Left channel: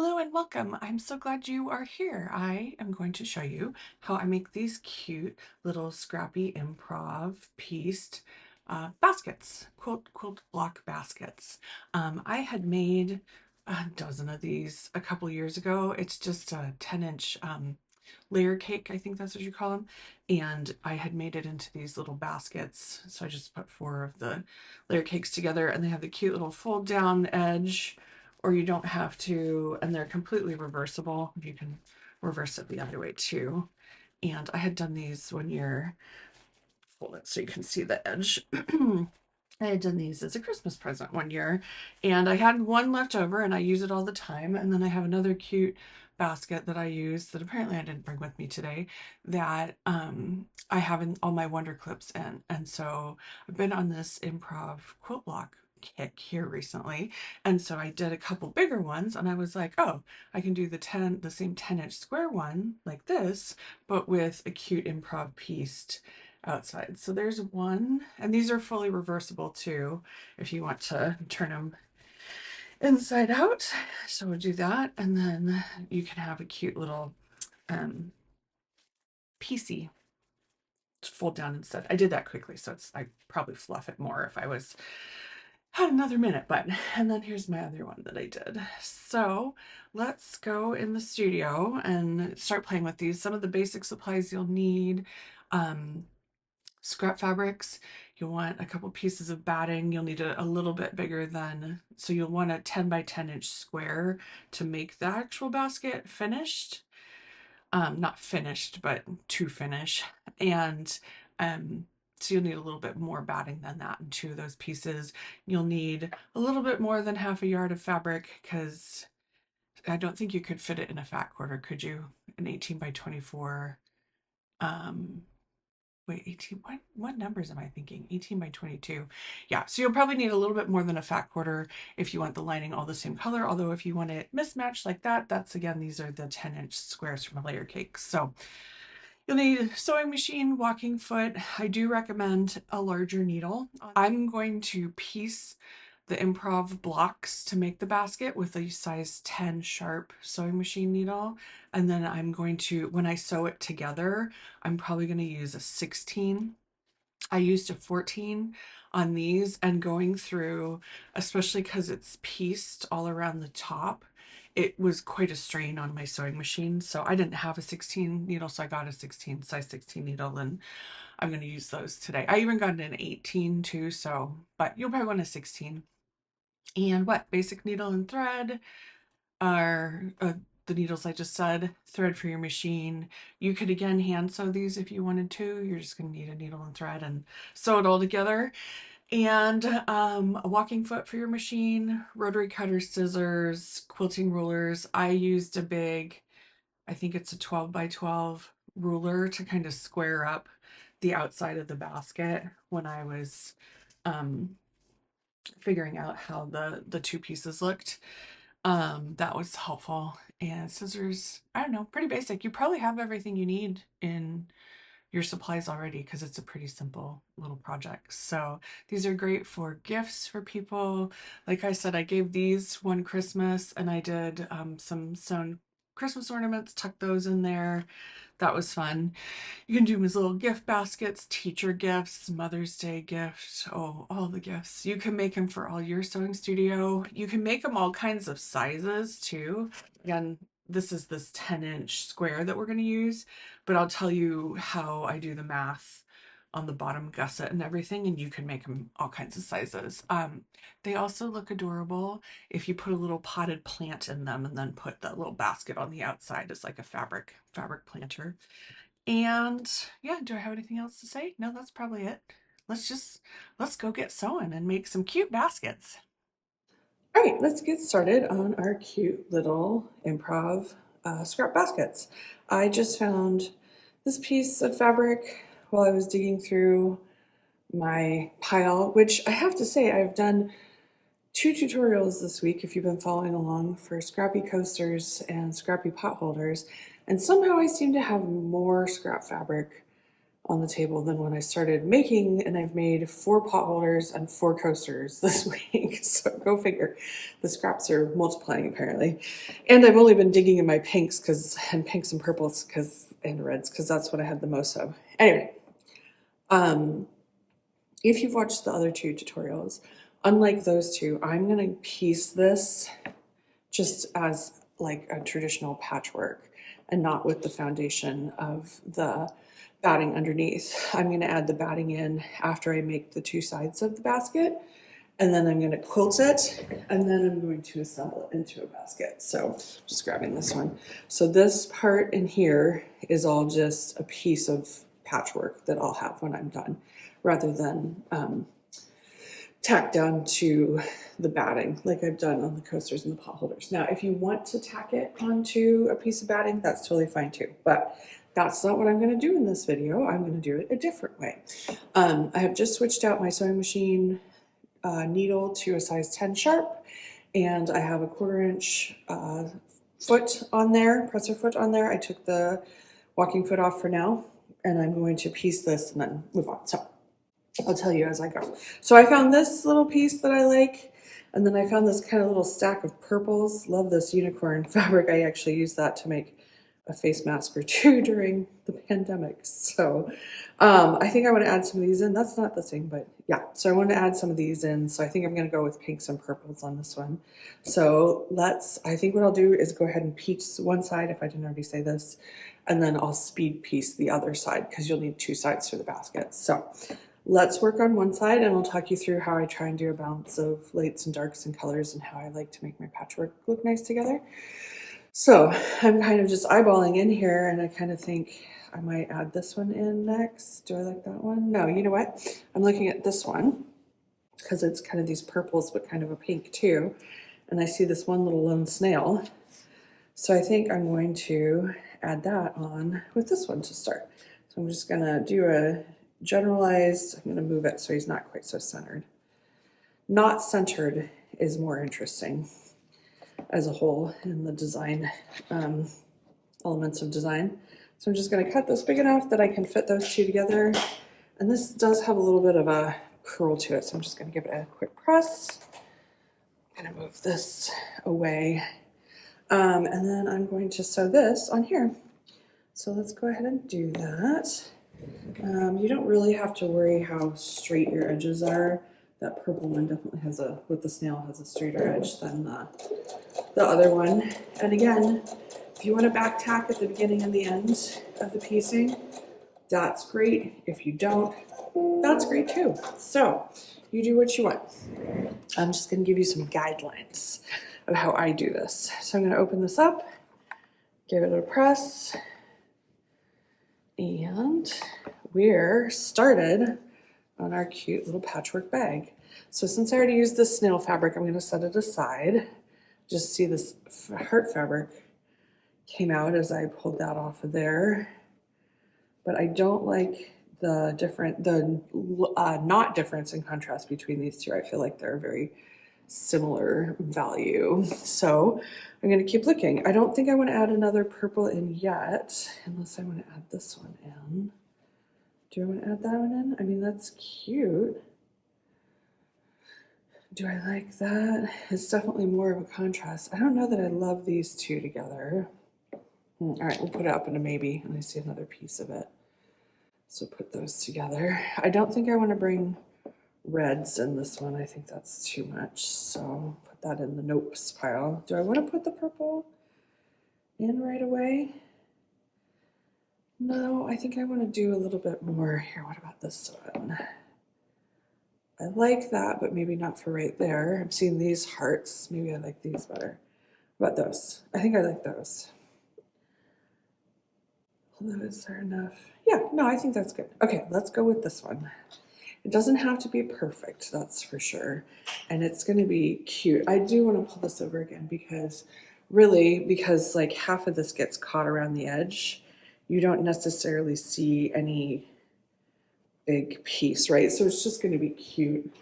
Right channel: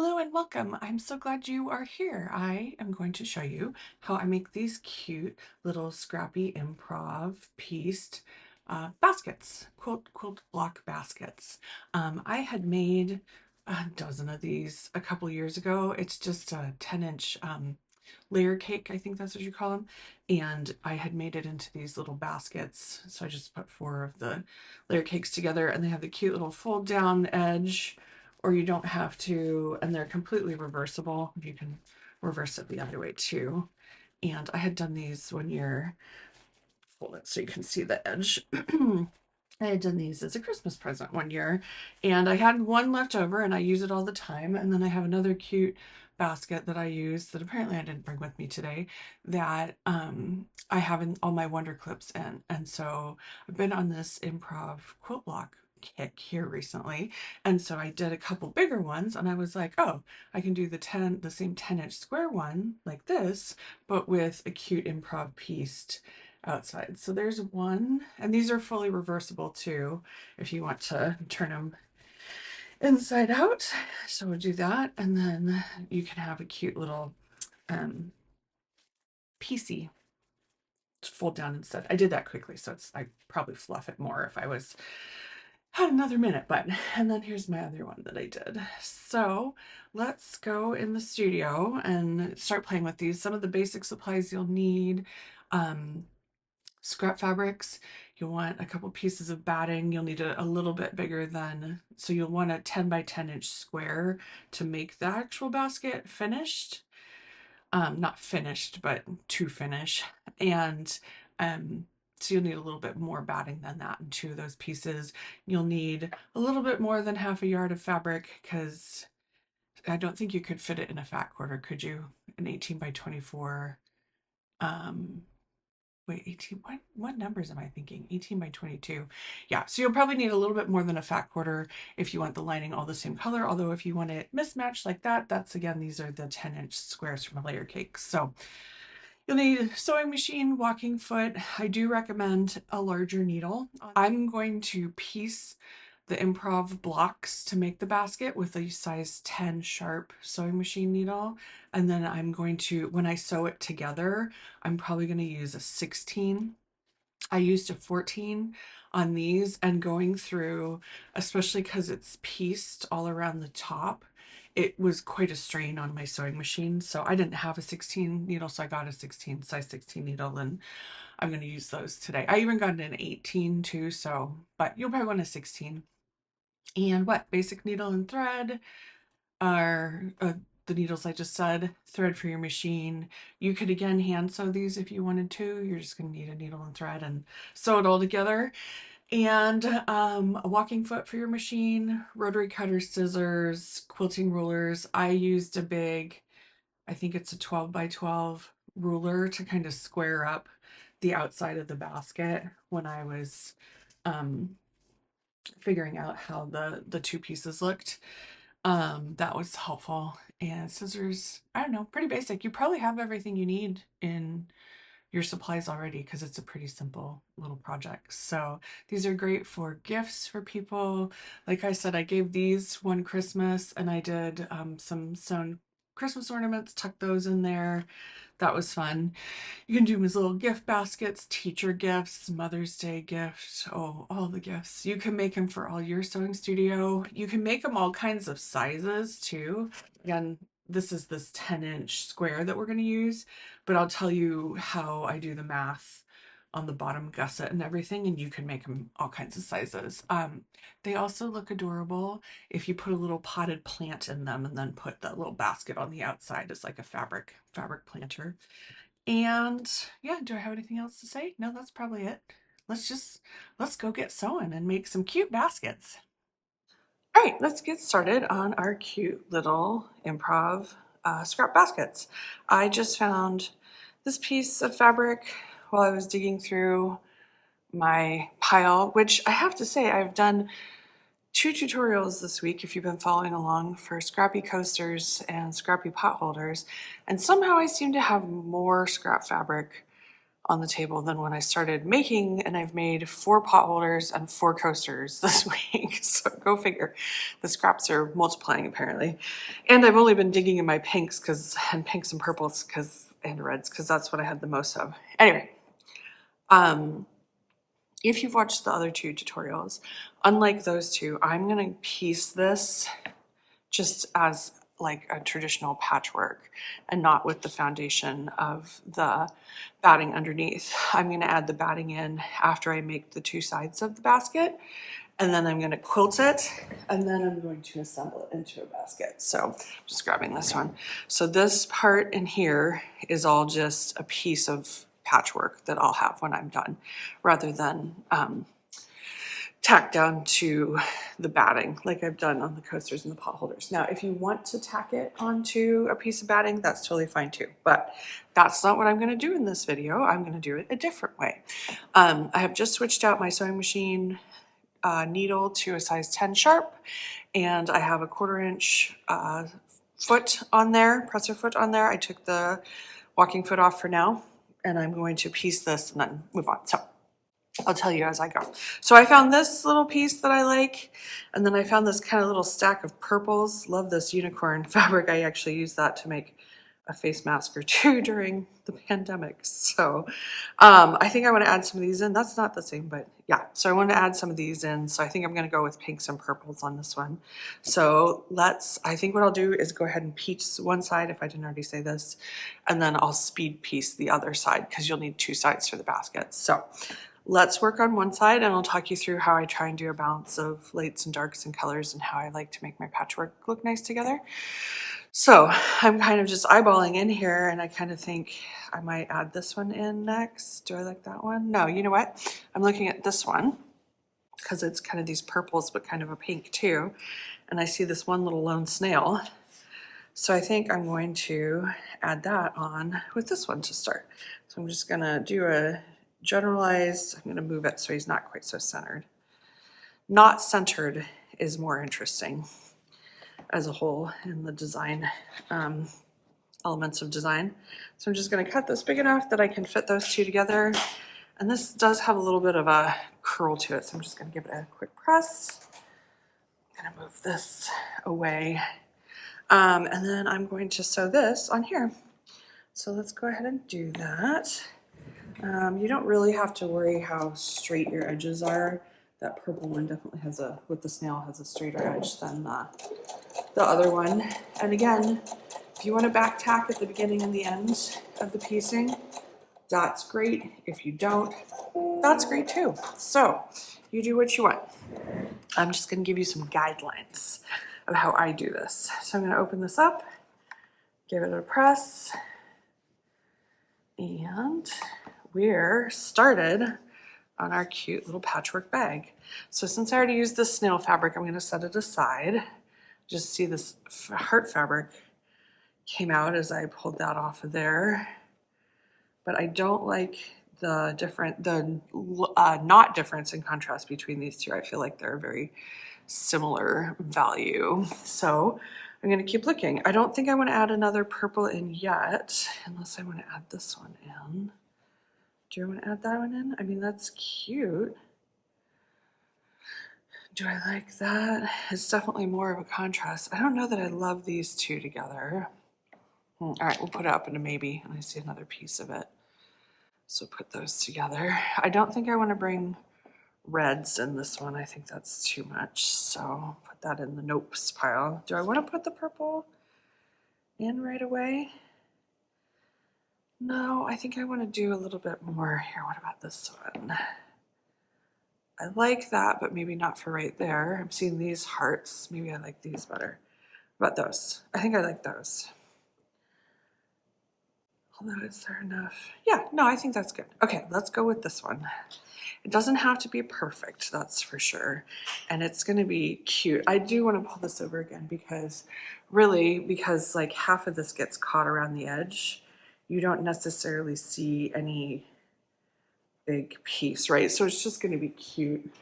Hello and welcome. I'm so glad you are here. I am going to show you how I make these cute little Scrappy Improv pieced baskets, quilt block baskets. I had made a dozen of these a couple years ago. It's just a 10-inch layer cake, I think that's what you call them. And I had made it into these little baskets. So I just put 4 of the layer cakes together, and they have the cute little fold down edge, or you don't have to, and they're completely reversible. You can reverse it the other way too. And I had done these one year, fold it so you can see the edge. I had done these as a Christmas present one year, and I had one left over and I use it all the time. And then I have another cute basket that I use that apparently I didn't bring with me today that I have in all my Wonder Clips in. And so I've been on this improv quilt block kick here recently. And so I did a couple bigger ones and I was like, oh, I can do the same 10-inch square one like this, but with a cute improv pieced outside. So there's one, and these are fully reversible too if you want to turn them inside out. So we'll do that, and then you can have a cute little piecey to fold down instead. I did that quickly, so I probably fluff it more if I had another minute, but and then here's my other one that I did. So let's go in the studio and start playing with these. Some of the basic supplies you'll need. Scrap fabrics, you'll want a couple pieces of batting. You'll need a little bit bigger than, so you'll want a 10 by 10-inch square to make the actual basket finished. Not finished, but to finish. And so you'll need a little bit more batting than that in 2 of those pieces. You'll need a little bit more than half a yard of fabric because I don't think you could fit it in a fat quarter, could you? An 18 by 24. Wait, 18, what numbers am I thinking? 18 by 22. Yeah, so you'll probably need a little bit more than a fat quarter if you want the lining all the same color. Although if you want it mismatched like that, that's again, these are the 10-inch squares from a layer cake. So you'll need a sewing machine, walking foot. I do recommend a larger needle. I'm going to piece the improv blocks to make the basket with a size 10 sharp sewing machine needle. And then I'm going to, when I sew it together, I'm probably going to use a 16. I used a 14 on these, and going through, especially because it's pieced all around the top, it was quite a strain on my sewing machine. So I didn't have a 16 needle, so I got a size 16 needle, and I'm going to use those today. I even got an 18 too, so, but you'll probably want a 16. And what? Basic needle and thread are the needles I just said, thread for your machine. You could again hand sew these if you wanted to. You're just going to need a needle and thread and sew it all together. And a walking foot for your machine, rotary cutter, scissors, quilting rulers. I used a big, I think it's a 12 by 12 ruler to kind of square up the outside of the basket when I was um, figuring out how the 2 pieces looked. That was helpful. And scissors, I don't know, pretty basic. You probably have everything you need in your supplies already because it's a pretty simple little project. So these are great for gifts for people. Like I said, I gave these one Christmas, and I did some sewn Christmas ornaments, tucked those in there. That was fun. You can do them as little gift baskets, teacher gifts, Mother's Day gifts. Oh, all the gifts. You can make them for all your sewing studio. You can make them all kinds of sizes too. Again, this is this 10-inch square that we're going to use, but I'll tell you how I do the math on the bottom gusset and everything, and you can make them all kinds of sizes. They also look adorable if you put a little potted plant in them and then put that little basket on the outside as like a fabric planter. And yeah, do I have anything else to say? No, that's probably it. Let's go get sewing and make some cute baskets. All right, let's get started on our cute little improv scrap baskets. I just found this piece of fabric while I was digging through my pile, which I have to say I've done 2 tutorials this week if you've been following along, for scrappy coasters and scrappy pot holders, and somehow I seem to have more scrap fabric on the table than when I started making, and I've made 4 pot holders and 4 coasters this week. So go figure. The scraps are multiplying apparently. And I've only been digging in my pinks and pinks and purples and reds because that's what I had the most of. Anyway, if you've watched the other 2 tutorials, unlike those 2, I'm going to piece this just as like a traditional patchwork and not with the foundation of the batting underneath. I'm going to add the batting in after I make the 2 sides of the basket, and then I'm going to quilt it, and then I'm going to assemble it into a basket. So just grabbing this one. So this part in here is all just a piece of patchwork that I'll have when I'm done, rather than tack down to the batting like I've done on the coasters and the pot holders. Now, if you want to tack it onto a piece of batting, that's totally fine too, but that's not what I'm going to do in this video. I'm going to do it a different way. I have just switched out my sewing machine needle to a size 10 sharp, and I have a 1/4 inch foot on there, presser foot on there. I took the walking foot off for now, and I'm going to piece this and then move on. So I'll tell you as I go. So I found this little piece that I like, and then I found this kind of little stack of purples. Love this unicorn fabric. I actually used that to make a face mask or 2 during the pandemic. So I think I want to add some of these in. That's not the same, but yeah. So I want to add some of these in. So I think I'm going to go with pinks and purples on this one. So I think what I'll do is go ahead and piece one side, if I didn't already say this, and then I'll speed piece the other side because you'll need 2 sides for the basket. So let's work on one side, and I'll talk you through how I try and do a balance of lights and darks and colors and how I like to make my patchwork look nice together. So I'm kind of just eyeballing in here, and I kind of think I might add this one in next. Do I like that one? No, you know what? I'm looking at this one because it's kind of these purples, but kind of a pink too. And I see this one little lone snail. So I think I'm going to add that on with this one to start. So I'm just going to do a generalized, I'm going to move it so he's not quite so centered. Not centered is more interesting as a whole in the design, elements of design. So I'm just going to cut this big enough that I can fit those 2 together. And this does have a little bit of a curl to it, so I'm just going to give it a quick press. I'm going to move this away. And then I'm going to sew this on here. So let's go ahead and do that. You don't really have to worry how straight your edges are. That purple one definitely with the snail has a straighter edge than the other one. And again, if you want to back tack at the beginning and the end of the piecing, that's great. If you don't, that's great too. So you do what you want. I'm just going to give you some guidelines of how I do this. So I'm going to open this up, give it a press, and we're started on our cute little patchwork bag. So since I already used this snail fabric, I'm going to set it aside. Just see this heart fabric came out as I pulled that off of there. But I don't like the knot difference in contrast between these 2. I feel like they're a very similar value. So I'm going to keep looking. I don't think I want to add another purple in yet, unless I want to add this one in. Do I want to add that one in? I mean, that's cute. Do I like that? It's definitely more of a contrast. I don't know that I love these 2 together. All right, we'll put it up into maybe, and I see another piece of it. So put those together. I don't think I want to bring reds in this one. I think that's too much. So put that in the nopes pile. Do I want to put the purple in right away? No, I think I want to do a little bit more here. What about this one? I like that, but maybe not for right there. I'm seeing these hearts. Maybe I like these better. What about those? I think I like those. Although, is there enough? Yeah, no, I think that's good. Okay, let's go with this one. It doesn't have to be perfect, that's for sure. And it's going to be cute. I do want to pull this over again because like half of this gets caught around the edge, you don't necessarily see any big piece, right? So it's just going to be cute.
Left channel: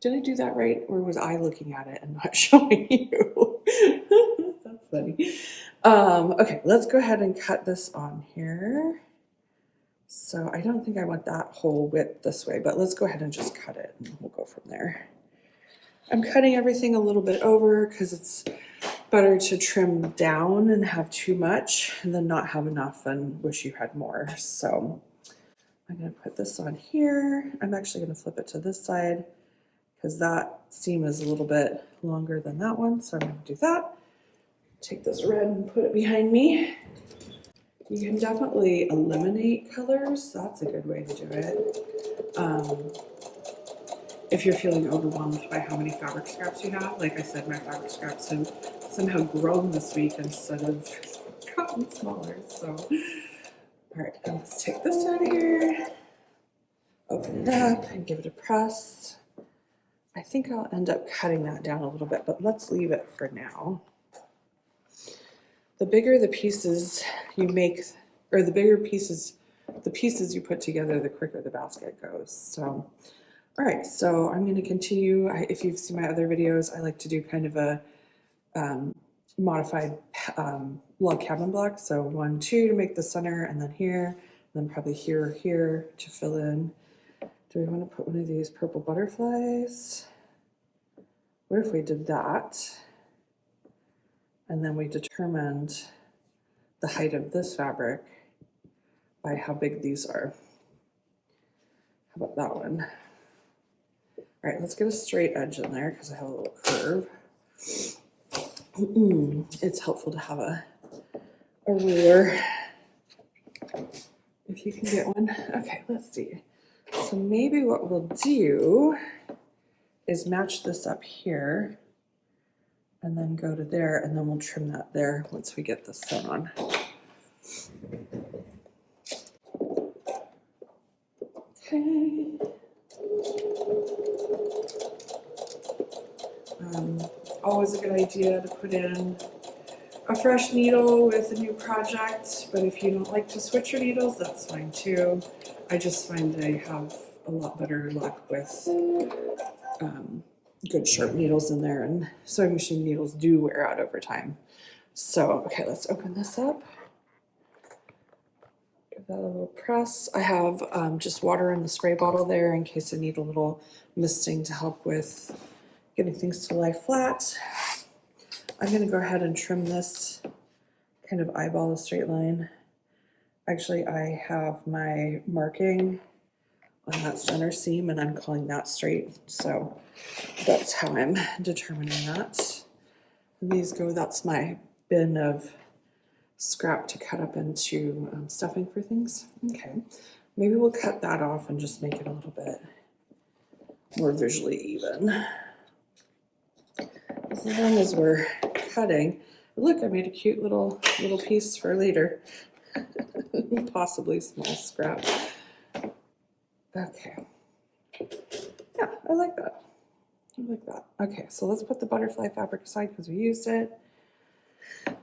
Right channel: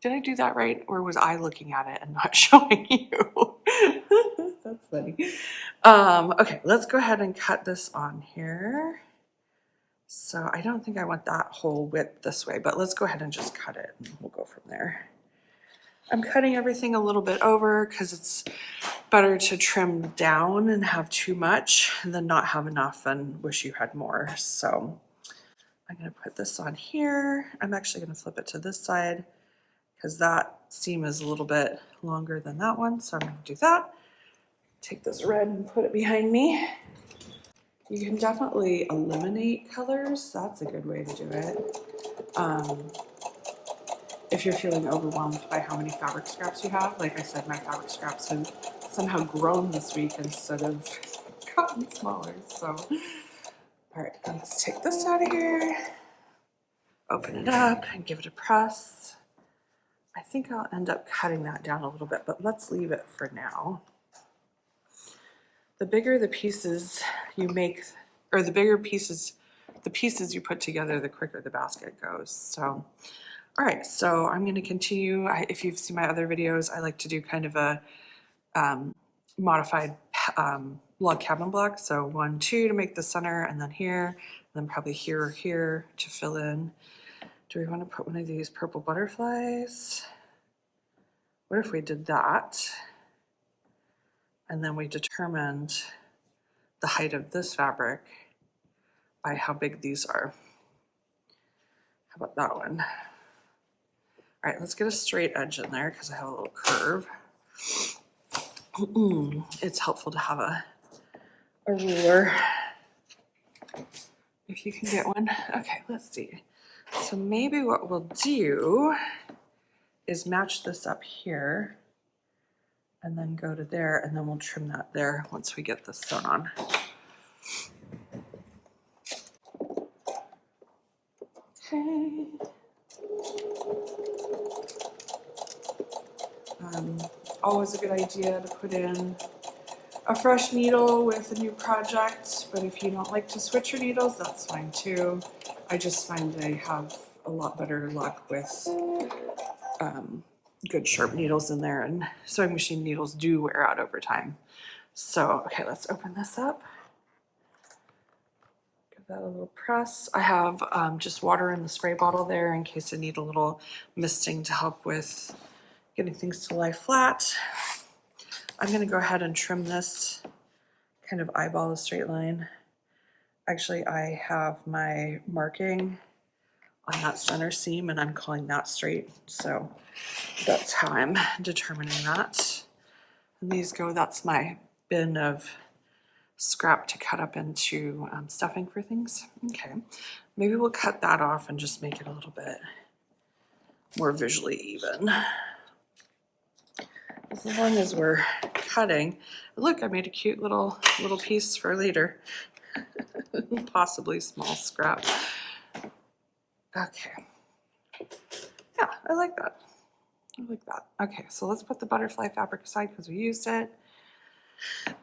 Did I do that right? Or was I looking at it and not showing you? That's funny. Okay, let's go ahead and cut this on here. So I don't think I want that whole width this way, but let's go ahead and just cut it and we'll go from there. I'm cutting everything a little bit over because it's better to trim down and have too much than not have enough and wish you had more. So I'm going to put this on here. I'm actually going to flip it to this side because that seam is a little bit longer than that one. So I'm going to do that. Take this red and put it behind me. You can definitely eliminate colors. That's a good way to do it. If you're feeling overwhelmed by how many fabric scraps you have, like I said, my fabric scraps have somehow grown this week instead of gotten smaller. So, all right, let's take this out of here, open it up and give it a press. I think I'll end up cutting that down a little bit, but let's leave it for now. The bigger the pieces you make, or the bigger pieces, the pieces you put together, the quicker the basket goes. So, all right, so I'm going to continue. If you've seen my other videos, I like to do kind of a modified log cabin block. So 1, 2 to make the center, and then here, and then probably here or here to fill in. Do we want to put one of these purple butterflies? What if we did that? And then we determined the height of this fabric by how big these are. How about that one? All right, let's get a straight edge in there because I have a little curve. It's helpful to have a ruler if you can get one. Okay, let's see. So maybe what we'll do is match this up here and then go to there, and then we'll trim that there once we get this sewn on. Okay. Always a good idea to put in a fresh needle with a new project, but if you don't like to switch your needles, that's fine too. I just find I have a lot better luck with good sharp needles in there, and sewing machine needles do wear out over time. So, okay, let's open this up. Give that a little press. I have just water in the spray bottle there in case I need a little misting to help with getting things to lie flat. I'm going to go ahead and trim this, kind of eyeball a straight line. Actually, I have my marking on that center seam and I'm calling that straight. So that's how I'm determining that. And these go, that's my bin of scrap to cut up into stuffing for things. Okay, maybe we'll cut that off and just make it a little bit more visually even. As long as we're cutting, look, I made a cute little piece for later. Possibly small scrap. Okay. Yeah, I like that. I like that. Okay, so let's put the butterfly fabric aside because we used it.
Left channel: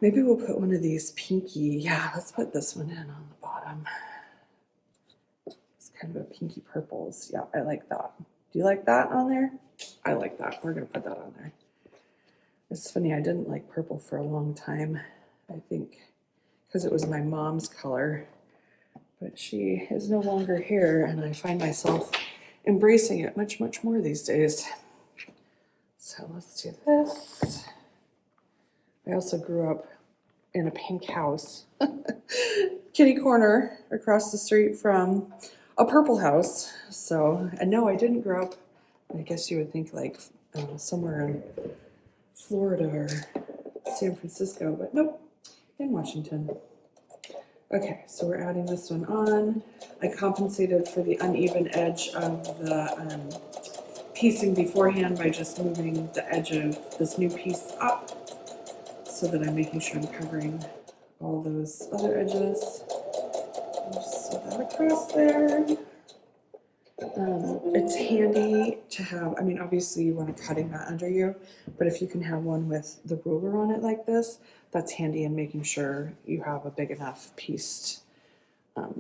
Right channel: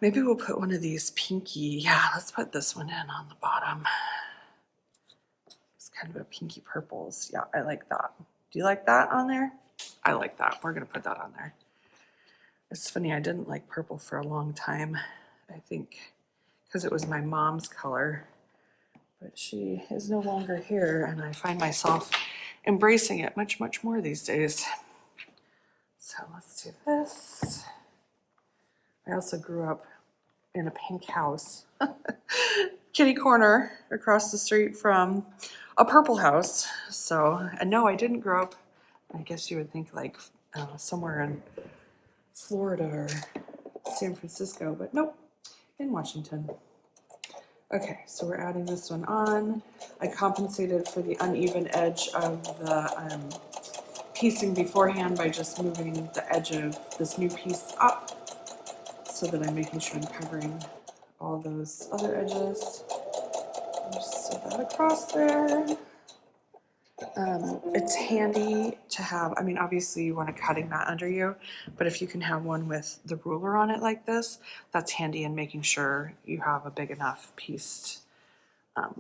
Maybe we'll put one of these pinky. Yeah, let's put this one in on the bottom. It's kind of a pinky purples. Yeah, I like that. Do you like that on there? I like that. We're going to put that on there. It's funny, I didn't like purple for a long time, I think, because it was my mom's color, but she is no longer here, and I find myself embracing it much, much more these days. So let's do this. I also grew up in a pink house, kitty corner across the street from a purple house. So, and no, I didn't grow up, I guess you would think like somewhere in Florida or San Francisco, but nope, in Washington. Okay, so we're adding this one on. I compensated for the uneven edge of the piecing beforehand by just moving the edge of this new piece up so that I'm making sure I'm covering all those other edges. Just sew that across there. It's handy to have, I mean, obviously you want a cutting mat under you, but if you can have one with the ruler on it like this, that's handy in making sure you have a big enough pieced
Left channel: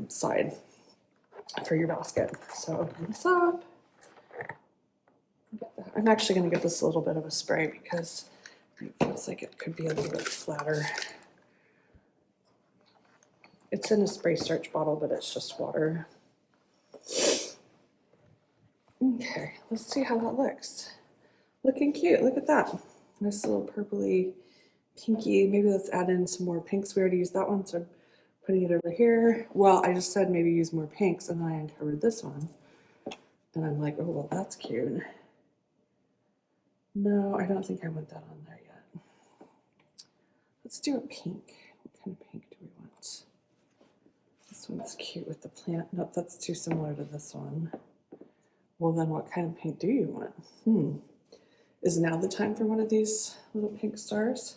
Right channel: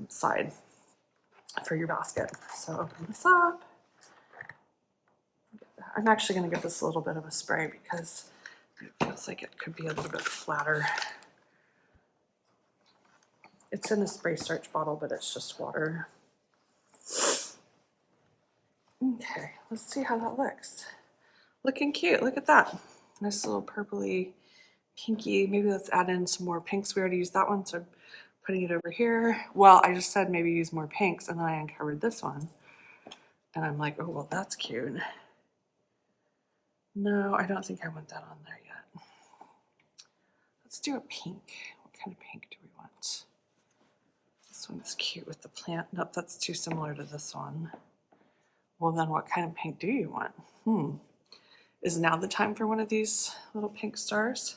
side for your basket. So open this up. I'm actually going to give this a little bit of a spray because it feels like it could be a little bit flatter. It's in a spray starch bottle, but it's just water. Okay, let's see how that looks. Looking cute, look at that. Nice little purpley, pinky. Maybe let's add in some more pinks. We already used that one, so I'm putting it over here. Well, I just said maybe use more pinks, and then I uncovered this one. And I'm like, oh, well, that's cute. No, I don't think I want that on there yet. Let's do a pink. What kind of pink do we want? This one's cute with the plant. Nope, that's too similar to this one. Well, then what kind of pink do you want? Is now the time for one of these little pink stars?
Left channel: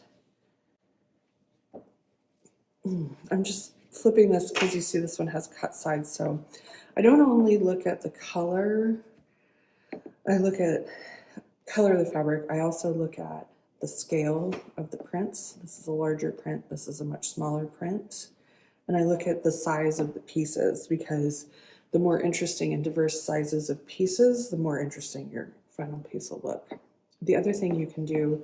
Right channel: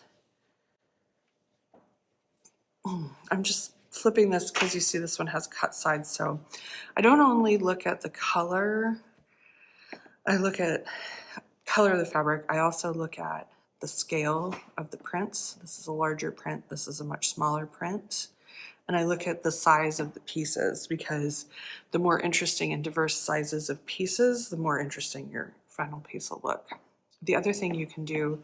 I'm just flipping this because you see this one has cut sides. So I don't only look at the color, I look at color of the fabric. I also look at the scale of the prints. This is a larger print. This is a much smaller print. And I look at the size of the pieces, because the more interesting and diverse sizes of pieces, the more interesting your final piece will look. The other thing you can do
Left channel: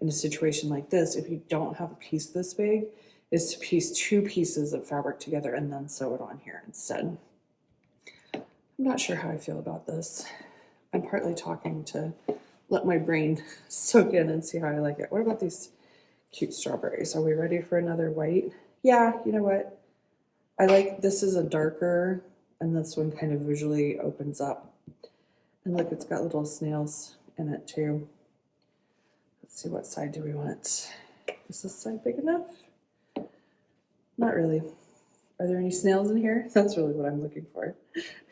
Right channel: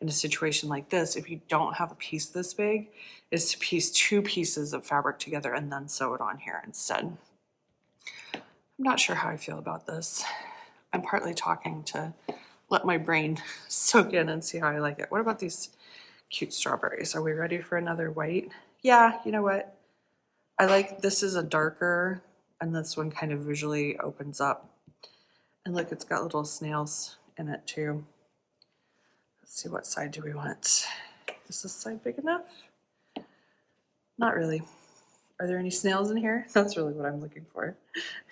in a situation like this, if you don't have a piece this big, is to piece 2 pieces of fabric together and then sew it on here instead. I'm not sure how I feel about this. I'm partly talking to let my brain soak in and see how I like it. What about these cute strawberries? Are we ready for another white? Yeah, you know what? I like, this is a darker, and this one kind of visually opens up. And look, it's got little snails in it too. Let's see, what side do we want? Is this side big enough? Not really. Are there any snails in here? That's really what I'm looking for.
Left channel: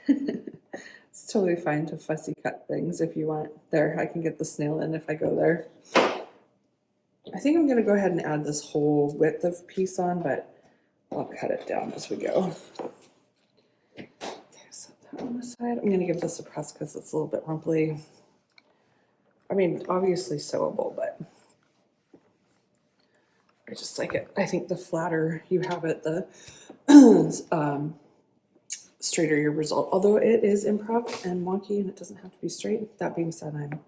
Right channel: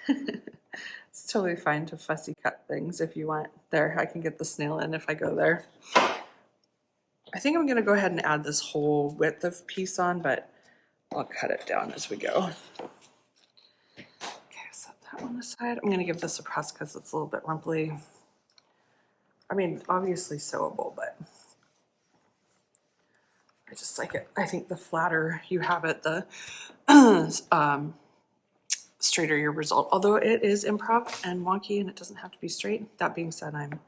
It's totally fine to fussy cut things if you want. There, I can get the snail in if I go there. I think I'm gonna go ahead and add this whole width of piece on, but I'll cut it down as we go. Okay, set that one aside. I'm gonna give this a press because it's a little bit rumply. I mean, obviously sewable, but I just like it. I think the flatter you have it, the straighter your result. Although it is improv and wonky and it doesn't have to be straight. That being said, I'm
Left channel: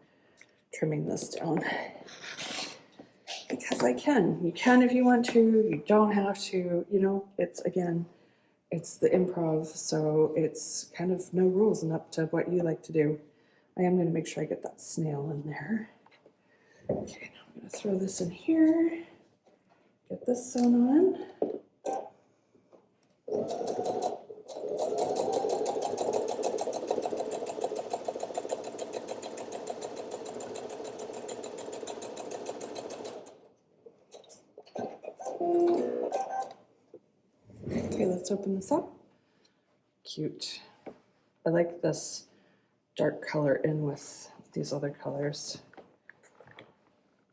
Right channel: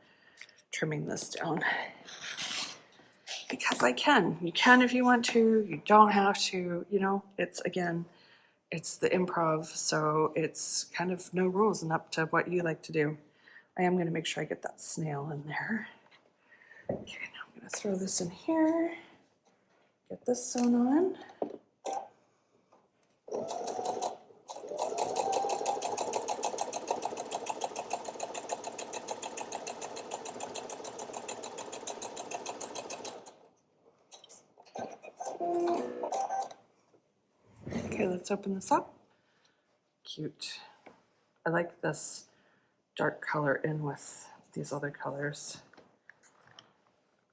trimming this down because I can. You can if you want to. You don't have to. You know, it's, again, it's the improv, so it's kind of no rules and up to what you like to do. I am going to make sure I get that snail in there. Okay, now I'm going to throw this in here. Get this sewn on. Okay, let's open this up. Cute. I like this dark color in with these other colors.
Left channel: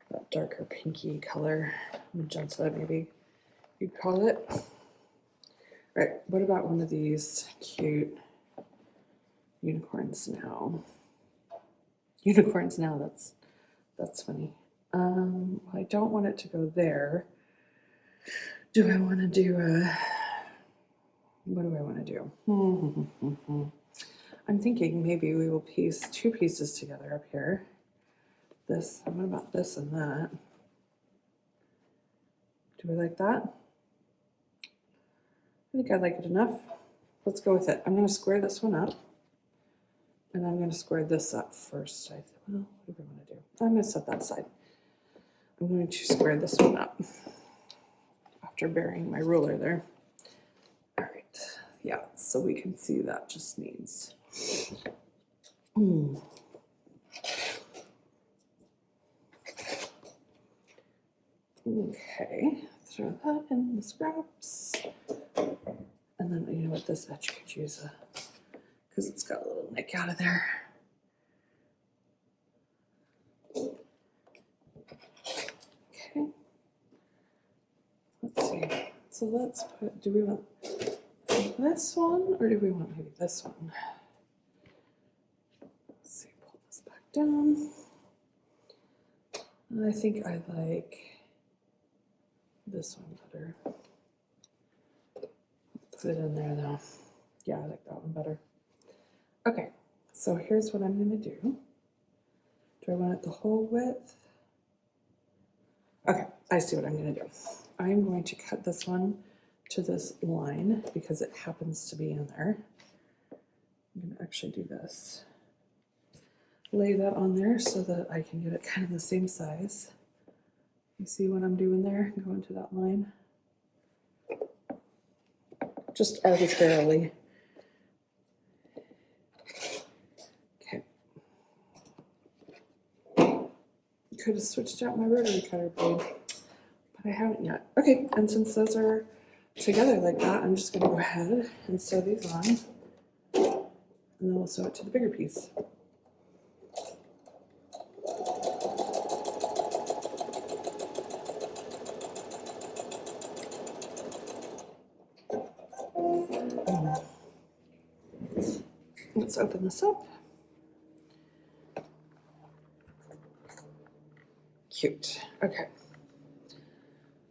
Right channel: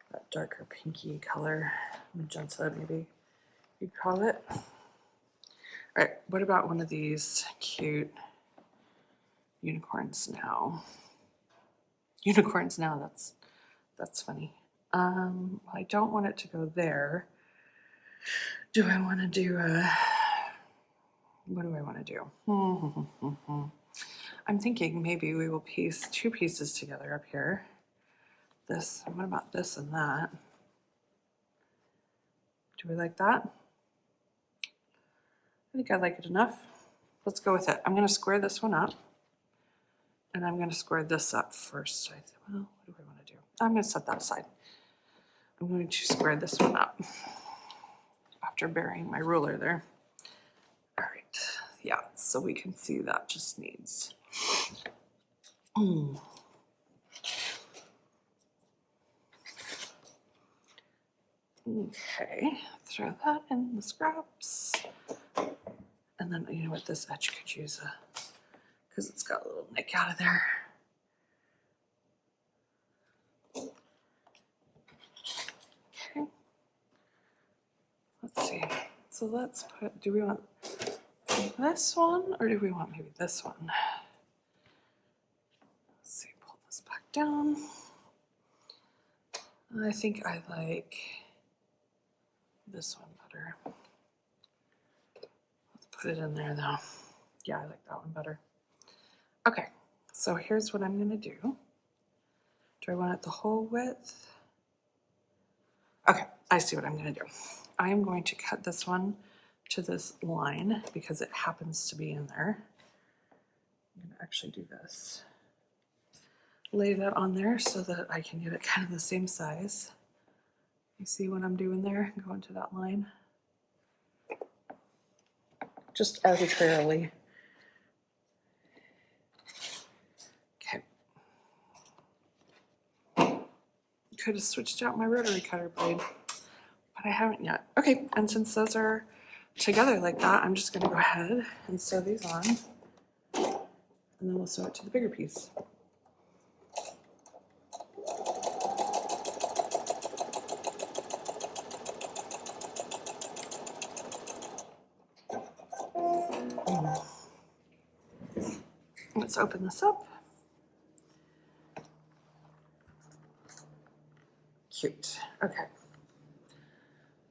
That darker pinky color, magenta maybe you'd call it. All right, what about one of these cute unicorns now? Unicorns now, that's funny. I don't want it to go there. Do I want to do a, what do I want to do? I'm thinking maybe we will piece 2 pieces together up here. This, what about this and that? Do we like that? I think I like it enough. Let's go with it. I'm going to square this one up. And I'm going to square this up first. Well, what do we want to do? I'm going to set that aside. I'm going to square this one up after burying my ruler there. All right. Yeah, so we can see that just needs. Okay, throw that in the scraps. And then, you know what, this edge could use a, because it's got a little nick out of there. Okay, let's see. So let's put, do we want this one or do we want maybe this one? Let's see, pull this back down. I think I like this one better. Let's put it in there though. Yeah, I like that one better. Okay, so here's what I'm gonna do. Do I want it the whole width? Okay, I see what I'm gonna do. I am going to cut this one to this line because it happens to be in there. I'm going to actually do this. Lay that on there so that I can get it kind of the same size. You see what I'm doing there? Go into that line. Just arbitrarily. Okay. Could have switched out my rotary cutter blade, but I haven't yet. Okay, and since those are together like that, I'm just going to go ahead and sew these on, and then we'll sew it to the bigger piece. Let's open this up. Cute. Okay.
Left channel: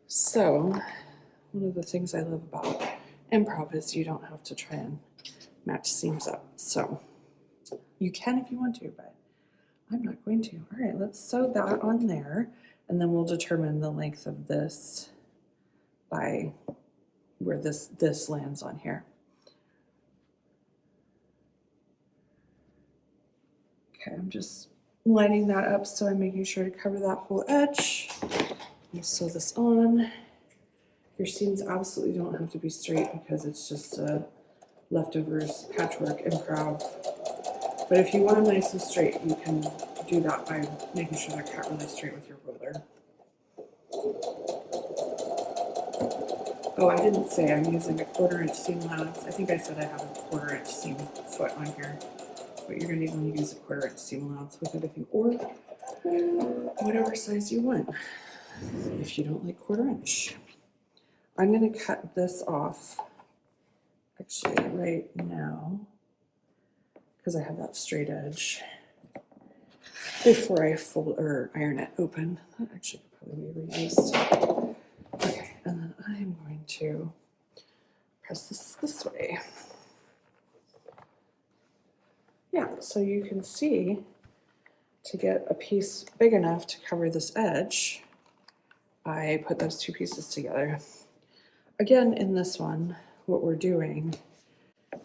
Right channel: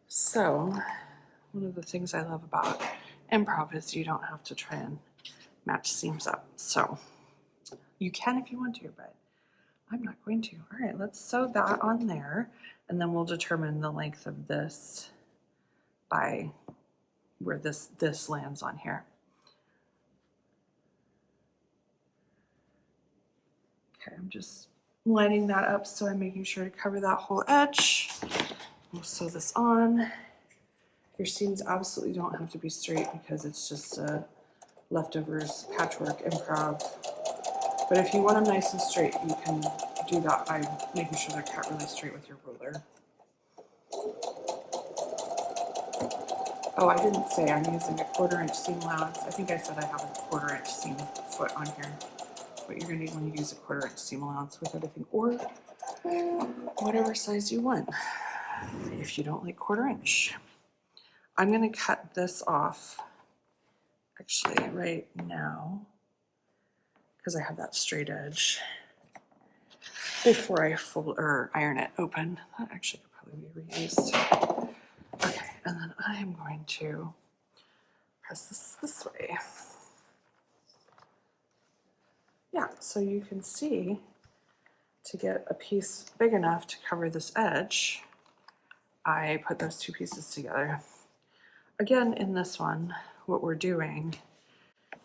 So, one of the things I love about improv is you don't have to try and match seams up. So, you can if you want to, but I'm not going to. All right, let's sew that on there, and then we'll determine the length of this by where this lands on here. Okay, I'm just lining that up, so I'm making sure to cover that whole edge. We'll sew this on. Your seams absolutely don't have to be straight because it's just leftovers patchwork improv. But if you want them nice and straight, you can do that by making sure they're cut really straight with your ruler. Oh, I didn't say I'm using a 1/4 inch seam allowance. I think I said I have a 1/4 inch seam foot on here. But you're going to need when you use a 1/4 inch seam allowance with it, I think, or whatever size you want. If you don't like 1/4 inch. I'm going to cut this off actually right now because I have that straight edge before I fold or iron it open. That actually could probably be reused. Okay, and then I am going to press this way. Yeah, so you can see to get a piece big enough to cover this edge, I put those two pieces together. Again, in this one, what we're doing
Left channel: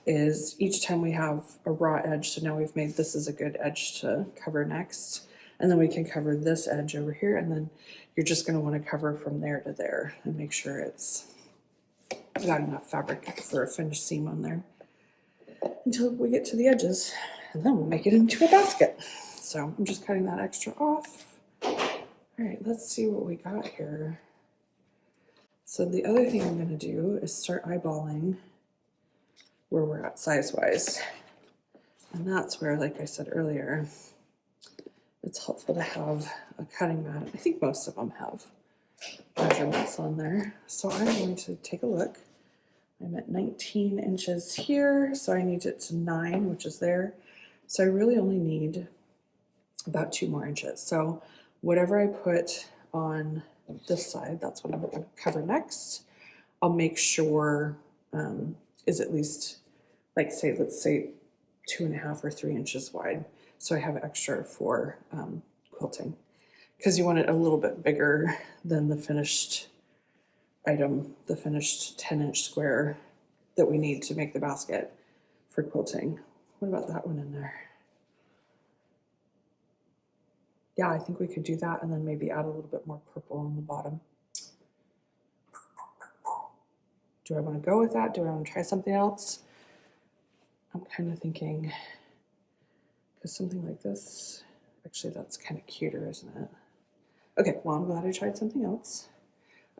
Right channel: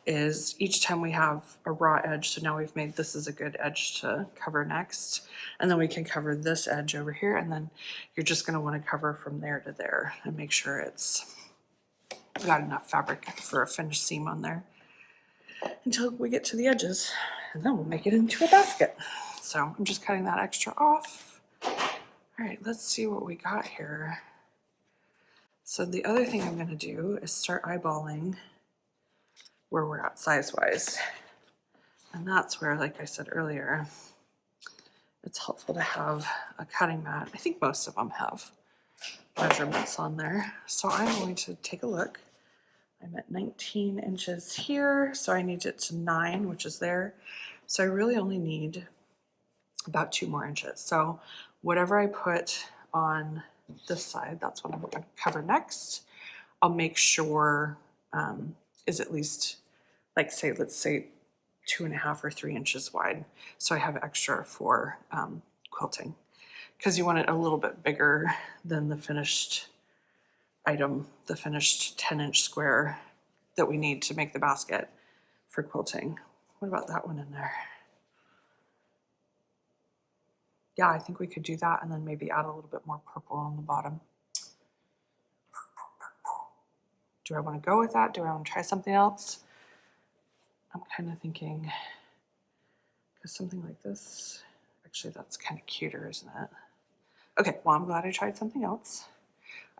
is each time we have a raw edge, so now we've made this is a good edge to cover next, and then we can cover this edge over here, and then you're just going to want to cover from there to there and make sure it's got enough fabric for a finished seam on there until we get to the edges, and then we'll make it into a basket. So I'm just cutting that extra off. All right, let's see what we got here. So the other thing I'm going to do is start eyeballing where we're at size-wise. And that's where, like I said earlier, it's helpful to have a cutting mat. I think most of them have measurements on there. So I'm going to take a look. I'm at 19 inches here, so I need it to 9, which is there. So I really only need about 2 more inches. So whatever I put on this side, that's what I'm going to cover next. I'll make sure is at least, like, let's say 2.5 or 3 inches wide. So I have extra for quilting, because you want it a little bit bigger than the finished item, the finished 10-inch square that we need to make the basket for quilting. What about that one in there? Yeah, I think we could do that and then maybe add a little bit more purple on the bottom. Do I want to go with that? Do I want to try something else? I'm kind of thinking, because something like this, actually that's kind of cuter, isn't it? Okay, well, I'm glad I tried something else.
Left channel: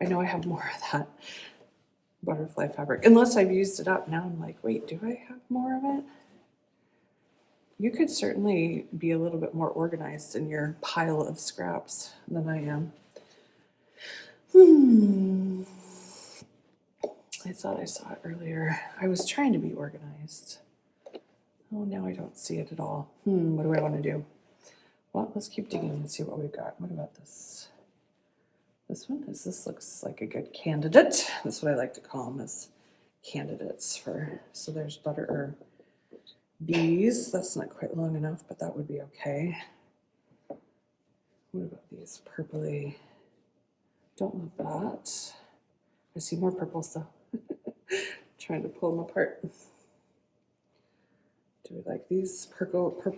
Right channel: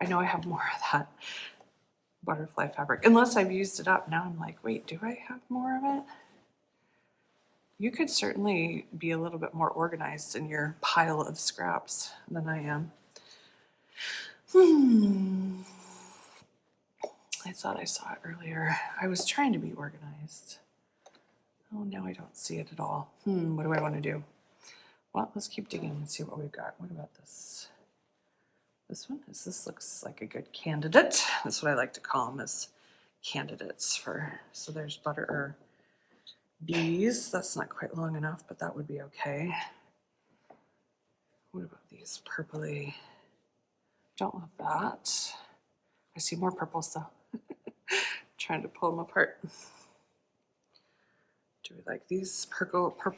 I know I have more of that butterfly fabric, unless I've used it up. Now I'm like, wait, do I have more of it? You could certainly be a little bit more organized in your pile of scraps than I am. I thought I saw it earlier. I was trying to be organized. Oh, now I don't see it at all. What do I want to do? Well, let's keep digging and see what we've got. What about this? This one? This looks like a good candidate. That's what I like to call them, as candidates for. So there's butter bees. That's not quite long enough, but that would be okay. What about these purpley? Don't love that. I see more purples though. Trying to pull them apart. Do we like these purple? I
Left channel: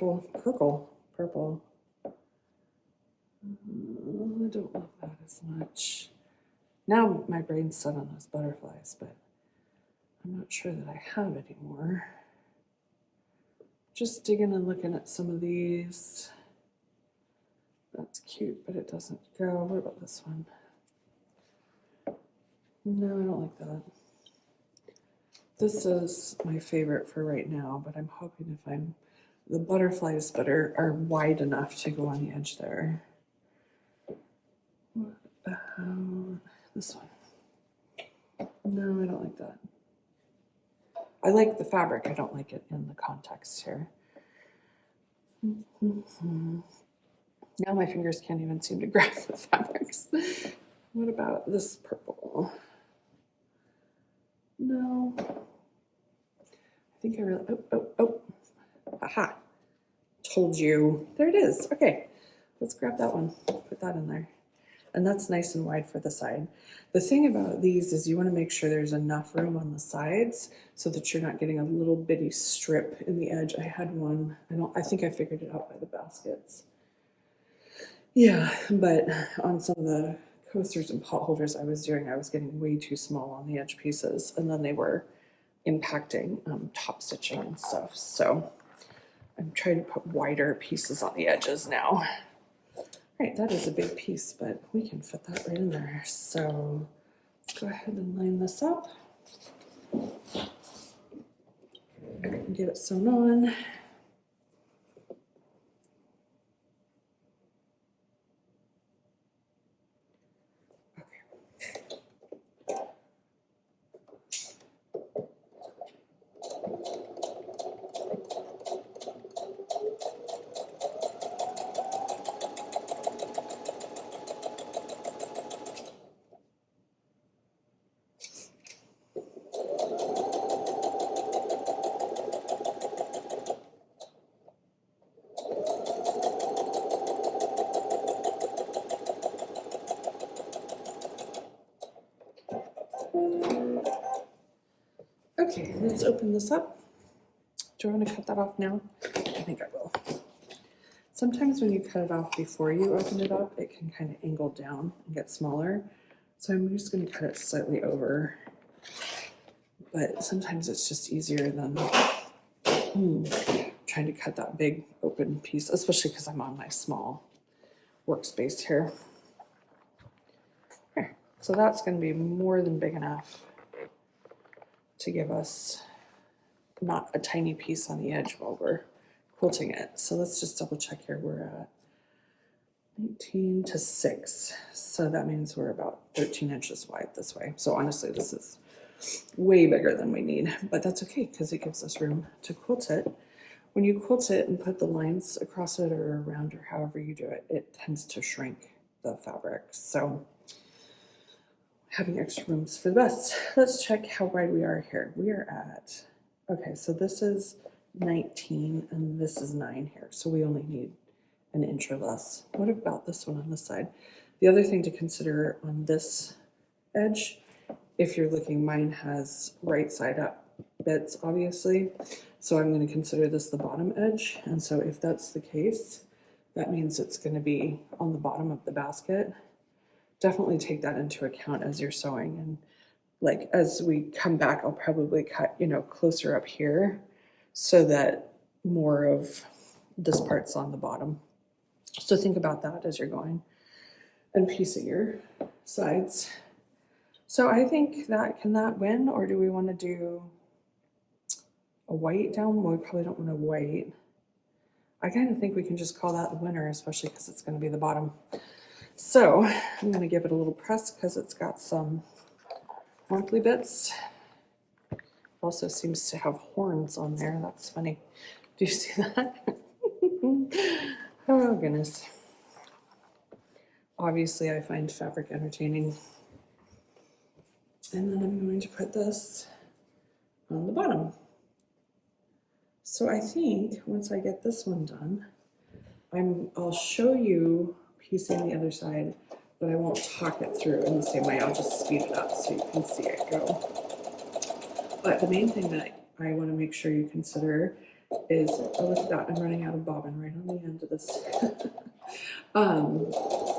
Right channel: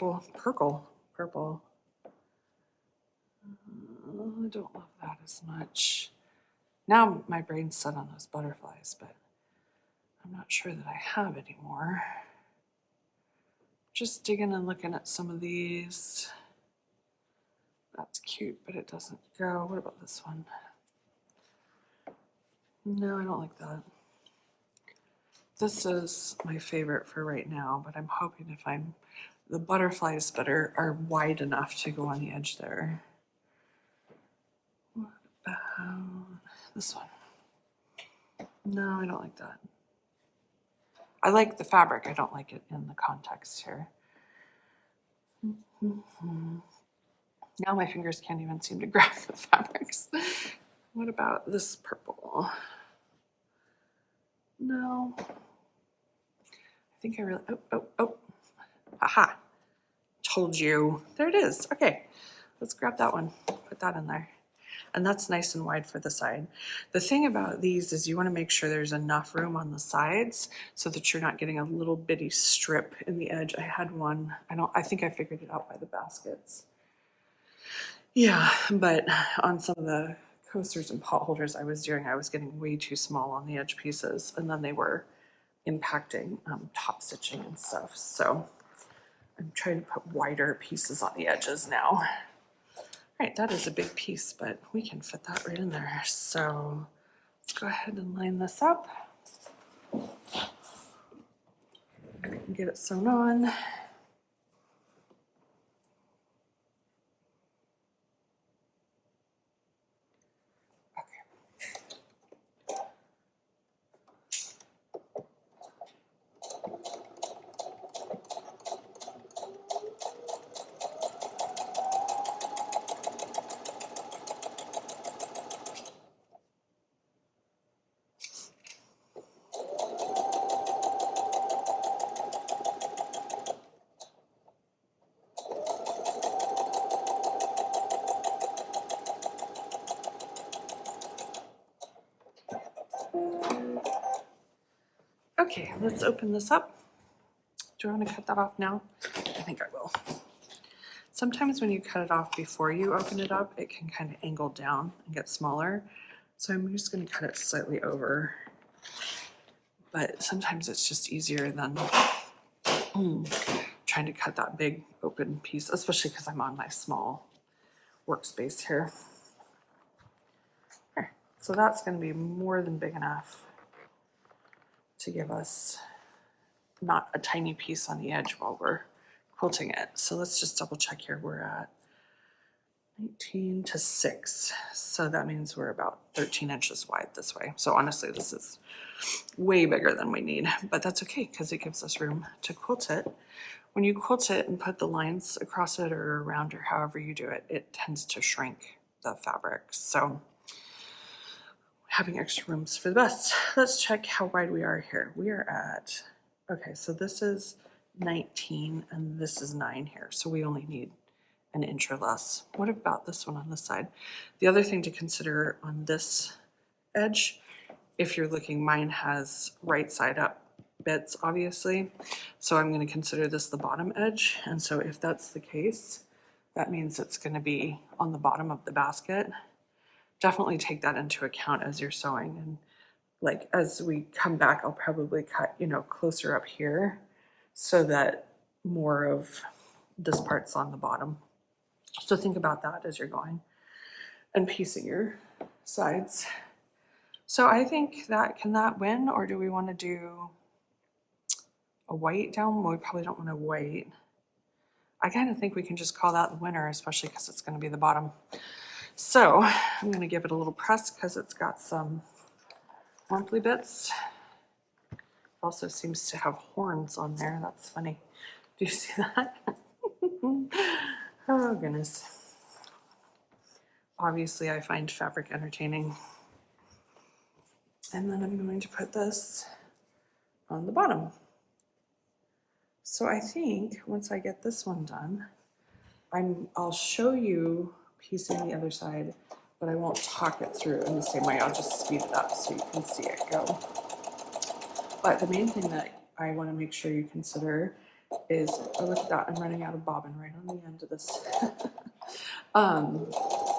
don't love that as much. Now my brain's set on those butterflies, but I'm not sure that I have anymore. Just digging and looking at some of these. That's cute, but it doesn't go. What about this one? No, I don't like that. This is my favorite for right now, but I'm hoping to find the butterflies that are wide enough to go on the edge there. What about this one? No, I don't like that. I like the fabric. I don't like it in the context here. Now my fingers can't even seem to grab the fabrics. What about this purple? No. I think I really, oh. Aha. Told you. There it is. Okay. Let's grab that one. Put that in there. And that's nice and wide for the side. The thing about these is you want to make sure there's enough room on the sides so that you're not getting a little bitty strip in the edge. I had one, I think I figured it out by the baskets. Yeah, but on some of the coasters and pot holders I was getting way too small on the edge pieces, and then they were impacting top stitching and stuff. So I'm trying to put wider pieces on the edges now. All right, that is a big piece, but we can fit that right in there. So let's go ahead and line this up. Get it sewn on. Okay, let's open this up. Do I want to cut that off now? I think I will. Sometimes when you cut it off before you open it up, it can kind of angle down and get smaller. So I'm just going to cut it slightly over. But sometimes it's just easier than trying to cut that big open piece, especially because I'm on my small workspace here. Okay, so that's going to be more than big enough to give us not a tiny piece on the edge while we're quilting it. So let's just double check here. We're at 19 to 6. So that means we're about 13 inches wide this way. So honestly, this is way bigger than we need, but that's okay because it gives us room to quilt it. When you quilt it and put the lines across it or around or however you do it, it tends to shrink the fabric. So having extra rooms for the best. Let's check how wide we are here. We are at, okay, so this is 19 and this is 9 here. So we only need an inch or less. What about this one on this side? The other thing to consider on this edge, if you're looking, mine has right side up bits, obviously. So I'm going to consider this the bottom edge. And so if that's the case, that means it's going to be on the bottom of the basket. Definitely take that into account as you're sewing. And like as we come back, I'll probably cut, closer up here so that more of this part's on the bottom. So think about that as you're going and piecing your sides. So I think can that win, or do we want to do a white down? Well, we probably don't want to white. I kind of think we can just call that the winner, especially because it's going to be the bottom. So I'm going to give it a little press because it's got some monthly bits. It also seems to have horns on there. That's funny. Do you see that? Oh, goodness. Obviously, I find fabric entertaining. And then I'm going to put this on the bottom. So I think once I get this one done, I'll show you piecing the other side, but I won't talk it through in the same way. I'll just speed it up so you can see it go. But the main thing that I want to make sure you consider is, oh, look at that, I'm running out of bobbin right on the end of this.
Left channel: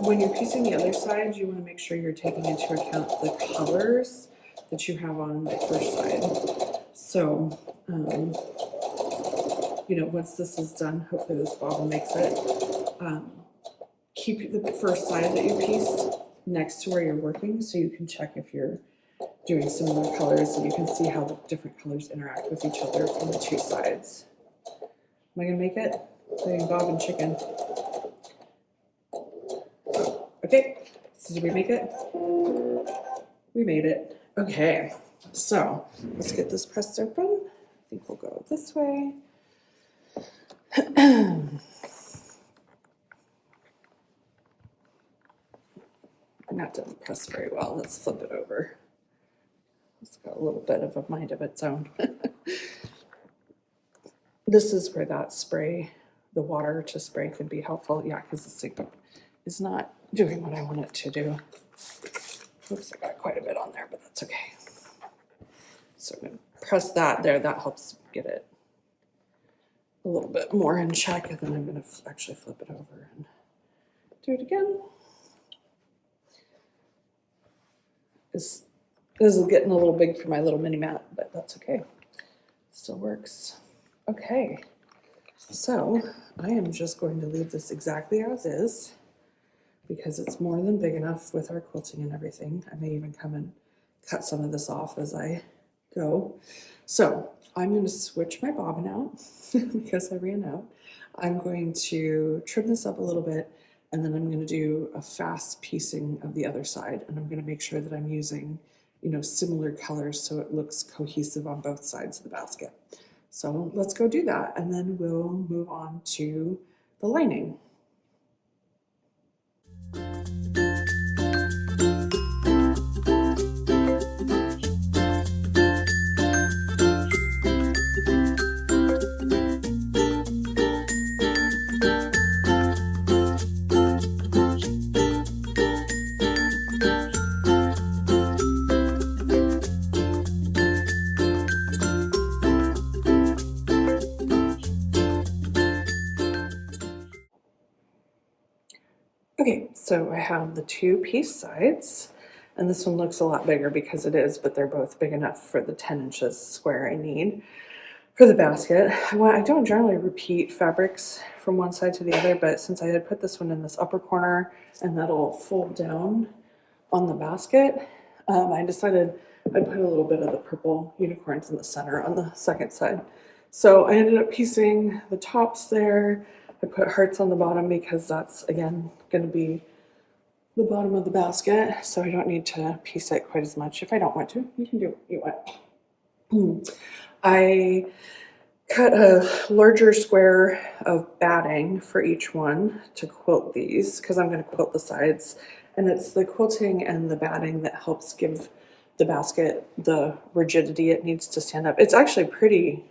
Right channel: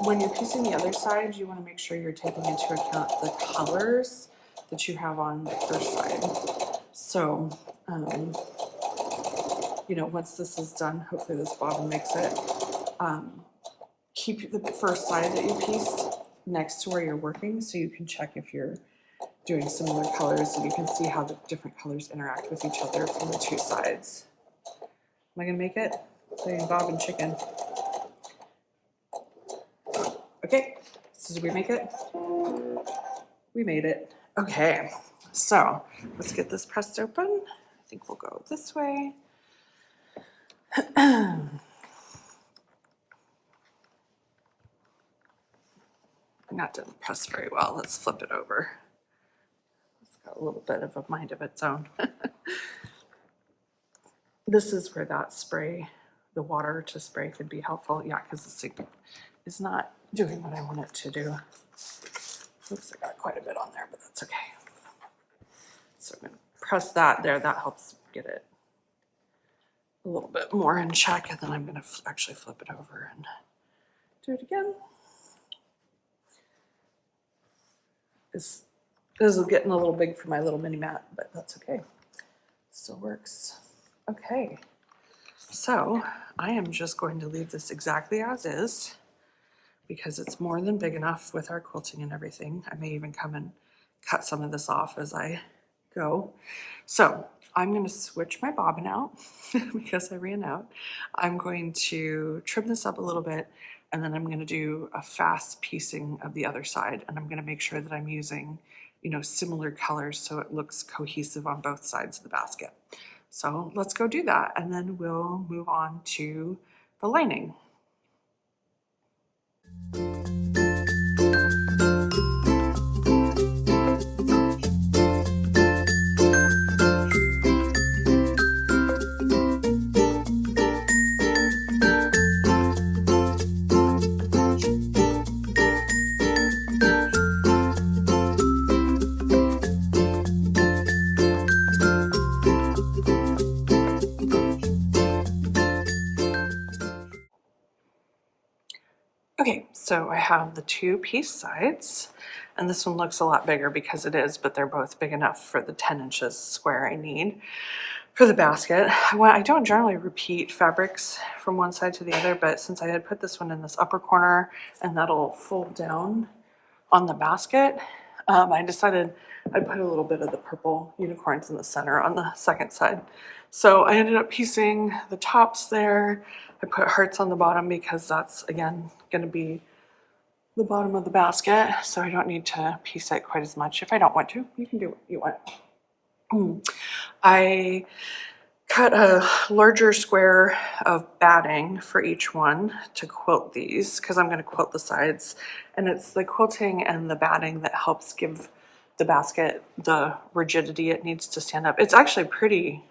When you're piecing the other side, you want to make sure you're taking into account the colors that you have on the first side. So, you know, once this is done, hopefully this bobbin makes it, keep the first side that you pieced next to where you're working so you can check if you're doing similar colors and you can see how the different colors interact with each other from the two sides. Am I going to make it? Playing bobbin chicken. Okay, so did we make it? We made it. Okay, so let's get this pressed open. I think we'll go this way. That didn't press very well. Let's flip it over. It's got a little bit of a mind of its own. This is where that spray, the water to spray, could be helpful. Yeah, because this thing is not doing what I want it to do. Oops, I got quite a bit on there, but that's okay. So I'm going to press that there. That helps get it a little bit more in check. And then I'm going to actually flip it over and do it again. This is getting a little big for my little mini mat, but that's okay. Still works. Okay, so I am just going to leave this exactly as is because it's more than big enough with our quilting and everything. I may even come and cut some of this off as I go. So I'm going to switch my bobbin out because I ran out. I'm going to trim this up a little bit, and then I'm going to do a fast piecing of the other side, and I'm going to make sure that I'm using, you know, similar colors so it looks cohesive on both sides of the basket. So let's go do that, and then we'll move on to the lining. Okay, so I have the two piece sides, and this one looks a lot bigger because it is, but they're both big enough for the 10 inches square I need for the basket. I don't generally repeat fabrics from one side to the other, but since I had put this one in this upper corner and that'll fold down on the basket, I decided I'd put a little bit of the purple unicorns in the center on the second side. So I ended up piecing the tops there. I put hearts on the bottom because that's, again, going to be the bottom of the basket. So I don't need to piece it quite as much. If I don't want to, you can do what you want. I cut a larger square of batting for each one to quilt these because I'm going to quilt the sides. And it's the quilting and the batting that helps give the basket the rigidity it needs to stand up. It's actually pretty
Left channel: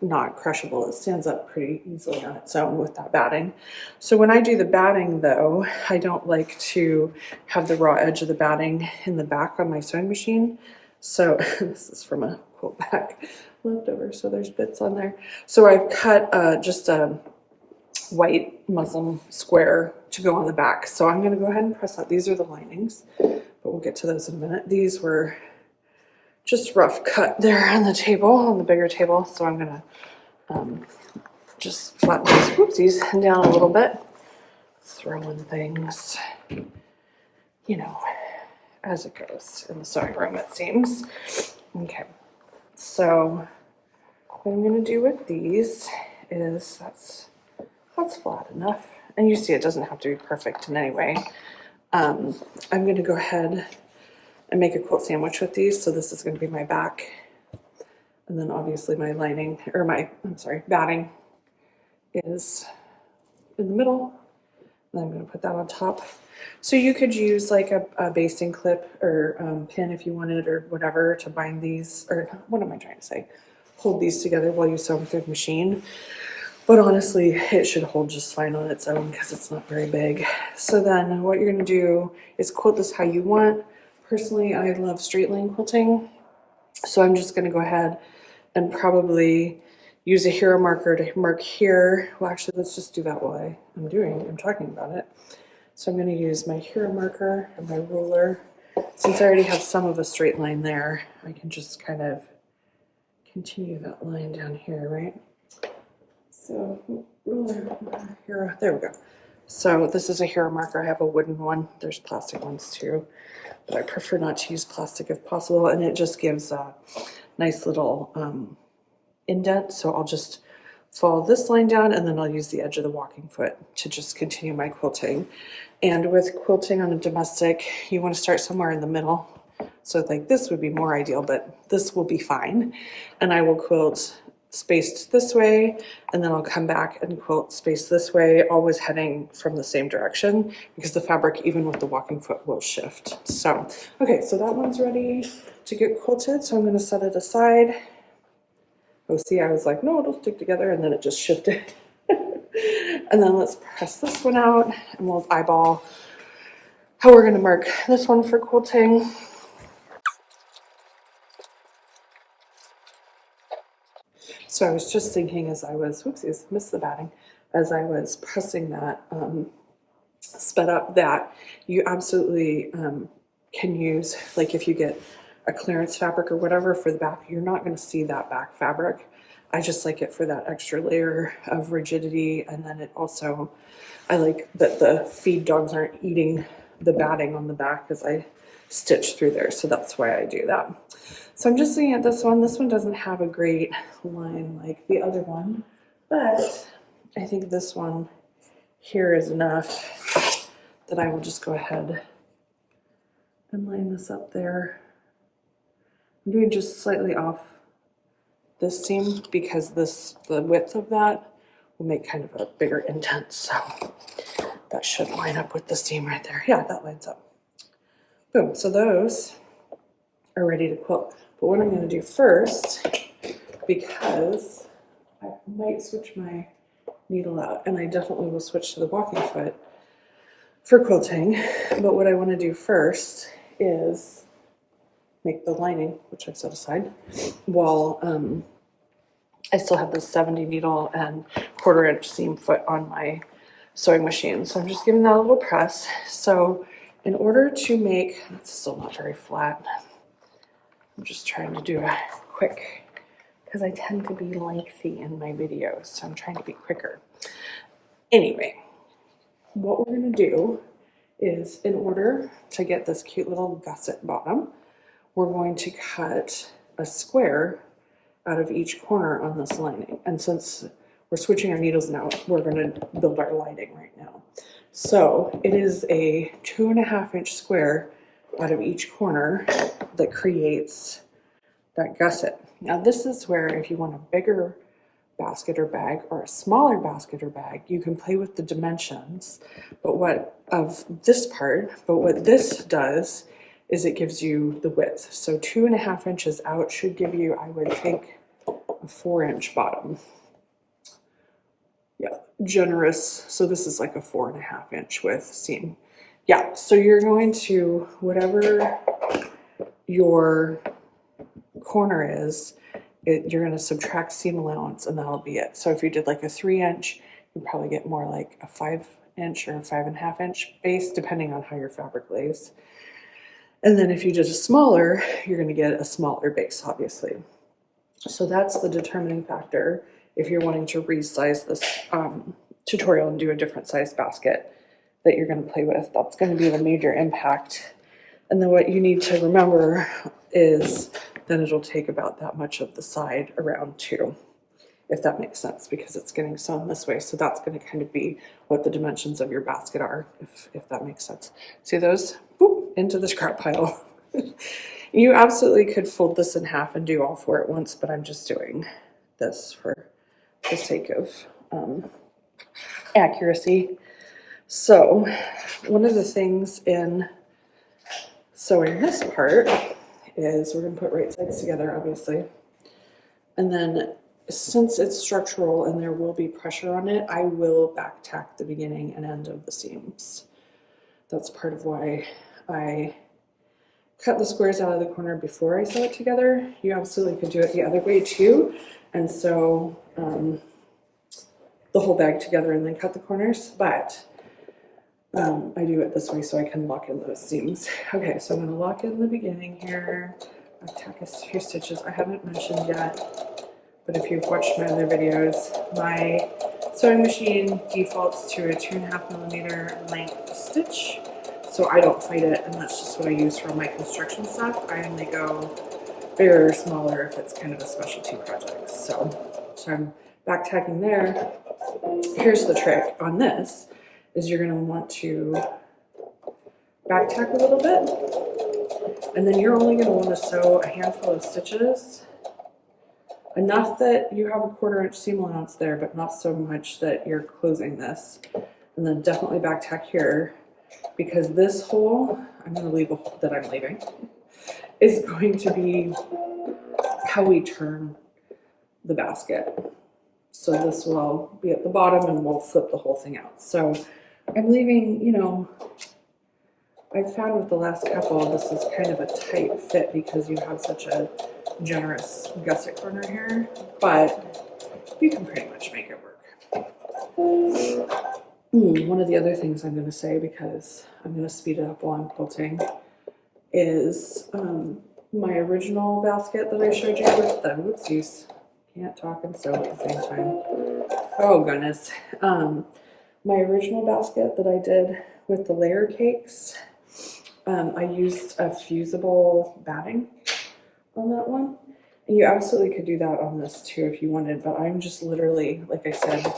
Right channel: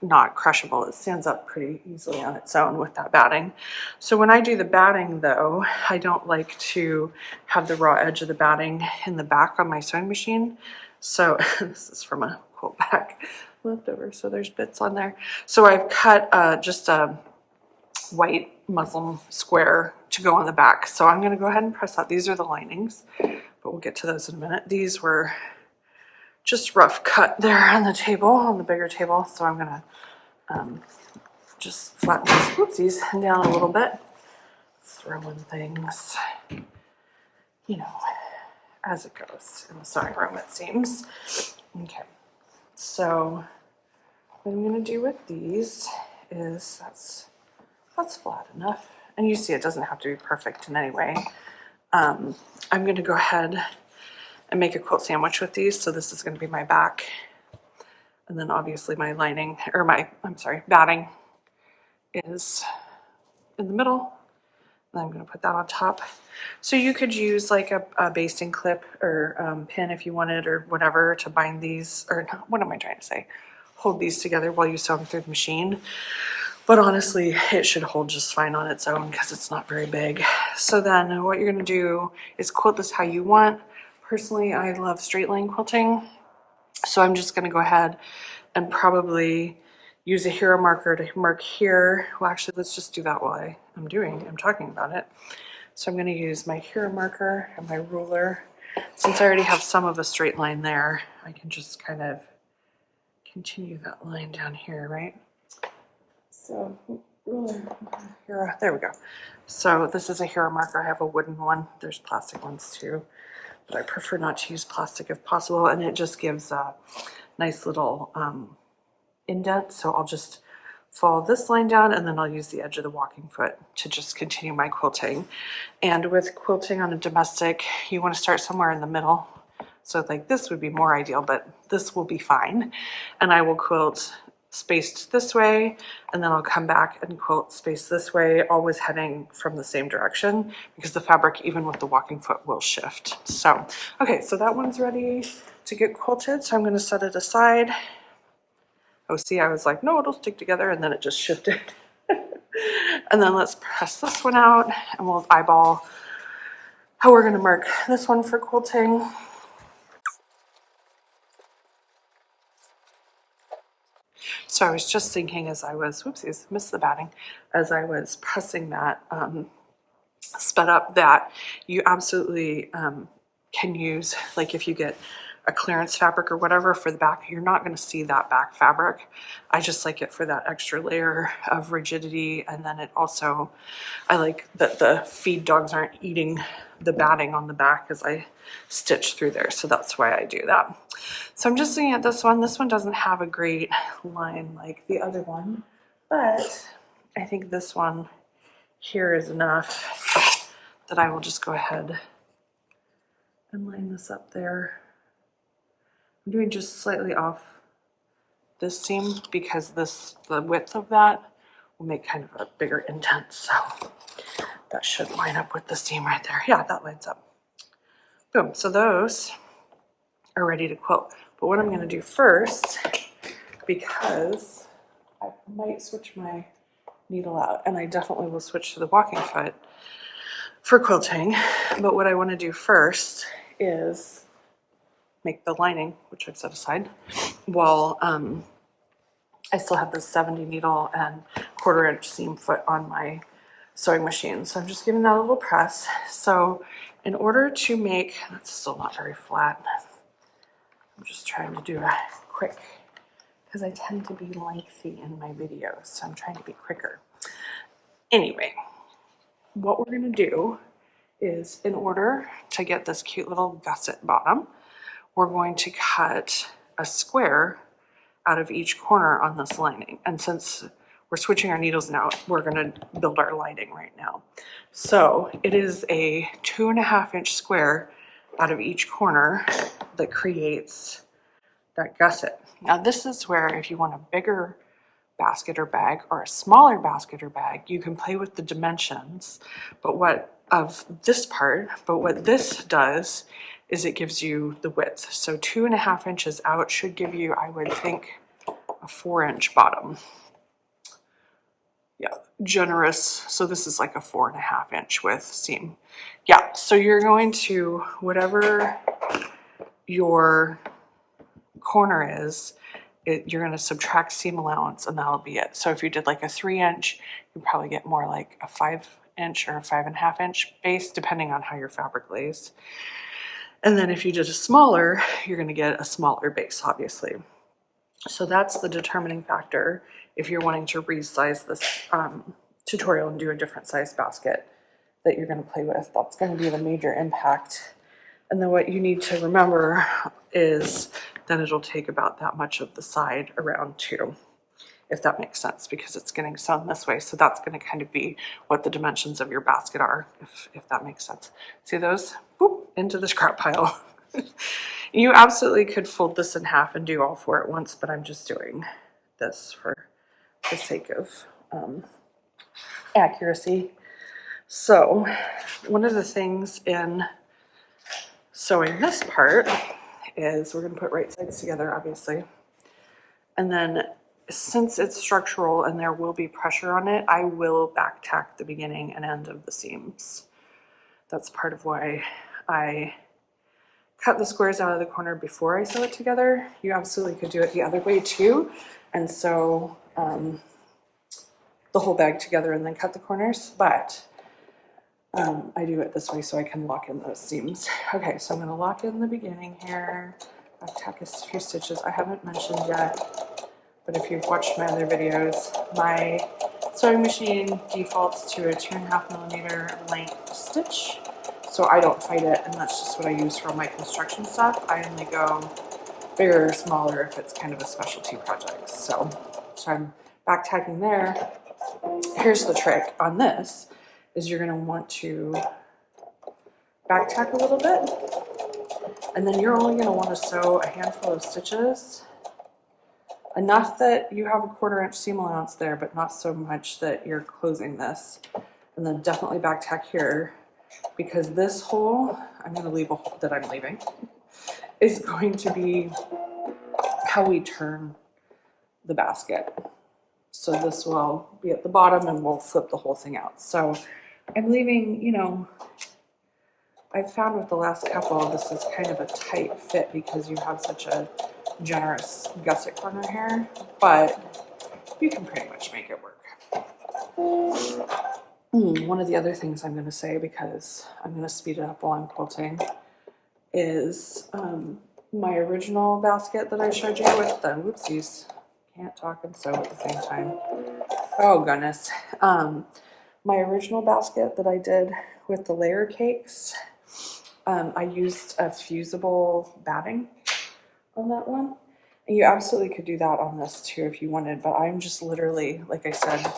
not crushable. It stands up pretty easily on its own with that batting. So when I do the batting though, I don't like to have the raw edge of the batting in the back on my sewing machine. So this is from a quilt back leftover, so there's bits on there. So I've cut just a white muslin square to go on the back. So I'm gonna go ahead and press out. These are the linings, but we'll get to those in a minute. These were just rough cut there on the table, on the bigger table. So I'm gonna just flatten these whoopsies down a little bit, throw in things, you know, as it goes in the sewing room, it seems. Okay, so what I'm gonna do with these is that's flat enough. And you see it doesn't have to be perfect in any way. I'm gonna go ahead and make a quilt sandwich with these. So this is gonna be my back. And then obviously my lining, or batting is in the middle. And I'm gonna put that on top. So you could use like a basting clip or pin if you wanted or whatever to bind these, or what am I trying to say? Hold these together while you sew them through the machine. But honestly, it should hold just fine on its own because it's not very big. So then what you're gonna do is quilt this how you want. Personally, I love straight line quilting. So I'm just gonna go ahead and probably use a hero marker to mark here. Well, actually, let's just do that while I'm talking about it. So I'm gonna use my hero marker and my ruler. Since I already have some of a straight line there, I can just kind of continue that line down here, right? So ruler, there we go. So this is a hero marker. I have a wooden one. There's plastic ones too, but I prefer not to use plastic if possible. And it just gives a nice little indent. So I'll just follow this line down, and then I'll use the edge of the walking foot to just continue my quilting. And with quilting on a domestic, you want to start somewhere in the middle. So like this would be more ideal, but this will be fine. And I will quilt spaced this way, and then I'll come back and quilt spaced this way, always heading from the same direction, because the fabric, even with the walking foot, will shift. So, okay, so that one's ready to get quilted. So I'm going to set it aside. Oh, see, I was like, no, it'll stick together, and then it just shifted. And then let's press this one out, and we'll eyeball how we're going to mark this one for quilting. So I was just thinking as I was, whoopsies, missed the batting, as I was pressing that sped up, that you absolutely can use, like if you get a clearance fabric or whatever for the back, you're not going to see that back fabric. I just like it for that extra layer of rigidity. And then it also, I like that the feed dogs aren't eating the batting on the back as I stitch through there. So that's why I do that. So I'm just looking at this one. This one doesn't have a great line like the other one, but I think this one here is enough that I will just go ahead and line this up there. I'm doing just slightly off this seam because the width of that will make kind of a bigger indent. So that should line up with the seam right there. Yeah, that lines up. Boom. So those are ready to quilt. But what I'm going to do first, because I might switch my needle out, and I definitely will switch to the walking foot for quilting. But what I want to do first is make the lining, which I've set aside, while I still have this 70 needle and 1/4 inch seam foot on my sewing machine. So I'm just giving that a little press. So in order to make, that's still not very flat. I'm just trying to do a quick, because I tend to be lengthy in my videos. So I'm trying to be quicker. Anyway, what we're going to do is, in order to get this cute little gusset bottom, we're going to cut a square out of each corner on this lining. And since we're switching our needles now, we're going to build our lining right now. So it is a 2.5 inch square out of each corner that creates that gusset. Now this is where, if you want a bigger basket or bag or a smaller basket or bag, you can play with the dimensions. But what this does is it gives you the width. So 2.5 inches out should give you, I would think, a 4 inch bottom. Yeah, generous. So this is like a 4.5 inch width seam. Yeah, so you're going to, whatever your corner is, you're going to subtract seam allowance, and that'll be it. So if you did like a 3 inch, you'd probably get more like a 5 inch or a 5.5 inch base, depending on how your fabric lays. And then if you did a smaller, you're going to get a smaller base, obviously. So that's the determining factor if you're wanting to resize this tutorial and do a different size basket that you're going to play with. That's going to be the major impact. And then what you need to remember is then it'll take about that much of the side around too, if that makes sense, because it's getting sewn this way. So that's going to kind of be what the dimensions of your basket are, if that makes sense. See those? Boop, into the scrap pile. You absolutely could fold this in half and do all 4 at once, but I'm just doing this for the sake of accuracy. So one of the things in sewing this part is we're going to put right sides together, obviously. And then since it's structural and there will be pressure on it, I will back tack the beginning and end of the seams. That's part of why I cut the squares out of the corner before I sew it together. You absolutely could do it the other way too, and sew the whole bag together and then cut the corners, but I do it this way so I can lock in those seams. Okay, so I'm going to lock in the beginning here. I'll tack a few stitches. I haven't mentioned yet, but if you've watched my other videos, my sewing machine defaults to a 2.5mm length stitch, so I don't fight it, and that's just what I use for all my construction stuff. I only go bigger or smaller if it's kind of a specialty project. So I'm back tacking there. Here's the trick on this, is you're going to want to back tack a little bit, and then you're only going to want to sew a handful of stitches, enough that you have a 1/4 inch seam allowance there, but not so much that you're closing this. And then definitely back tack here, because this hole, I'm going to leave a hole that I'm leaving, is going to be how we turn the basket. So this will be at the bottom and we'll flip the whole thing out. So I'm leaving, you know, I've found with the last couple, this is kind of a tight fit because you have such a generous gusset corner here, but you can pretty much make it work. One of the other things I'm going to say, because I'm going to speed it up while I'm quilting, is my original basket that I showed you with the, whoopsies, can't talk and sew at the same time. Oh goodness. My original basket that I did with the layer cakes, I used a fusible batting on that one. And you absolutely could do that on this too if you wanted, but I'm just literally, like I said,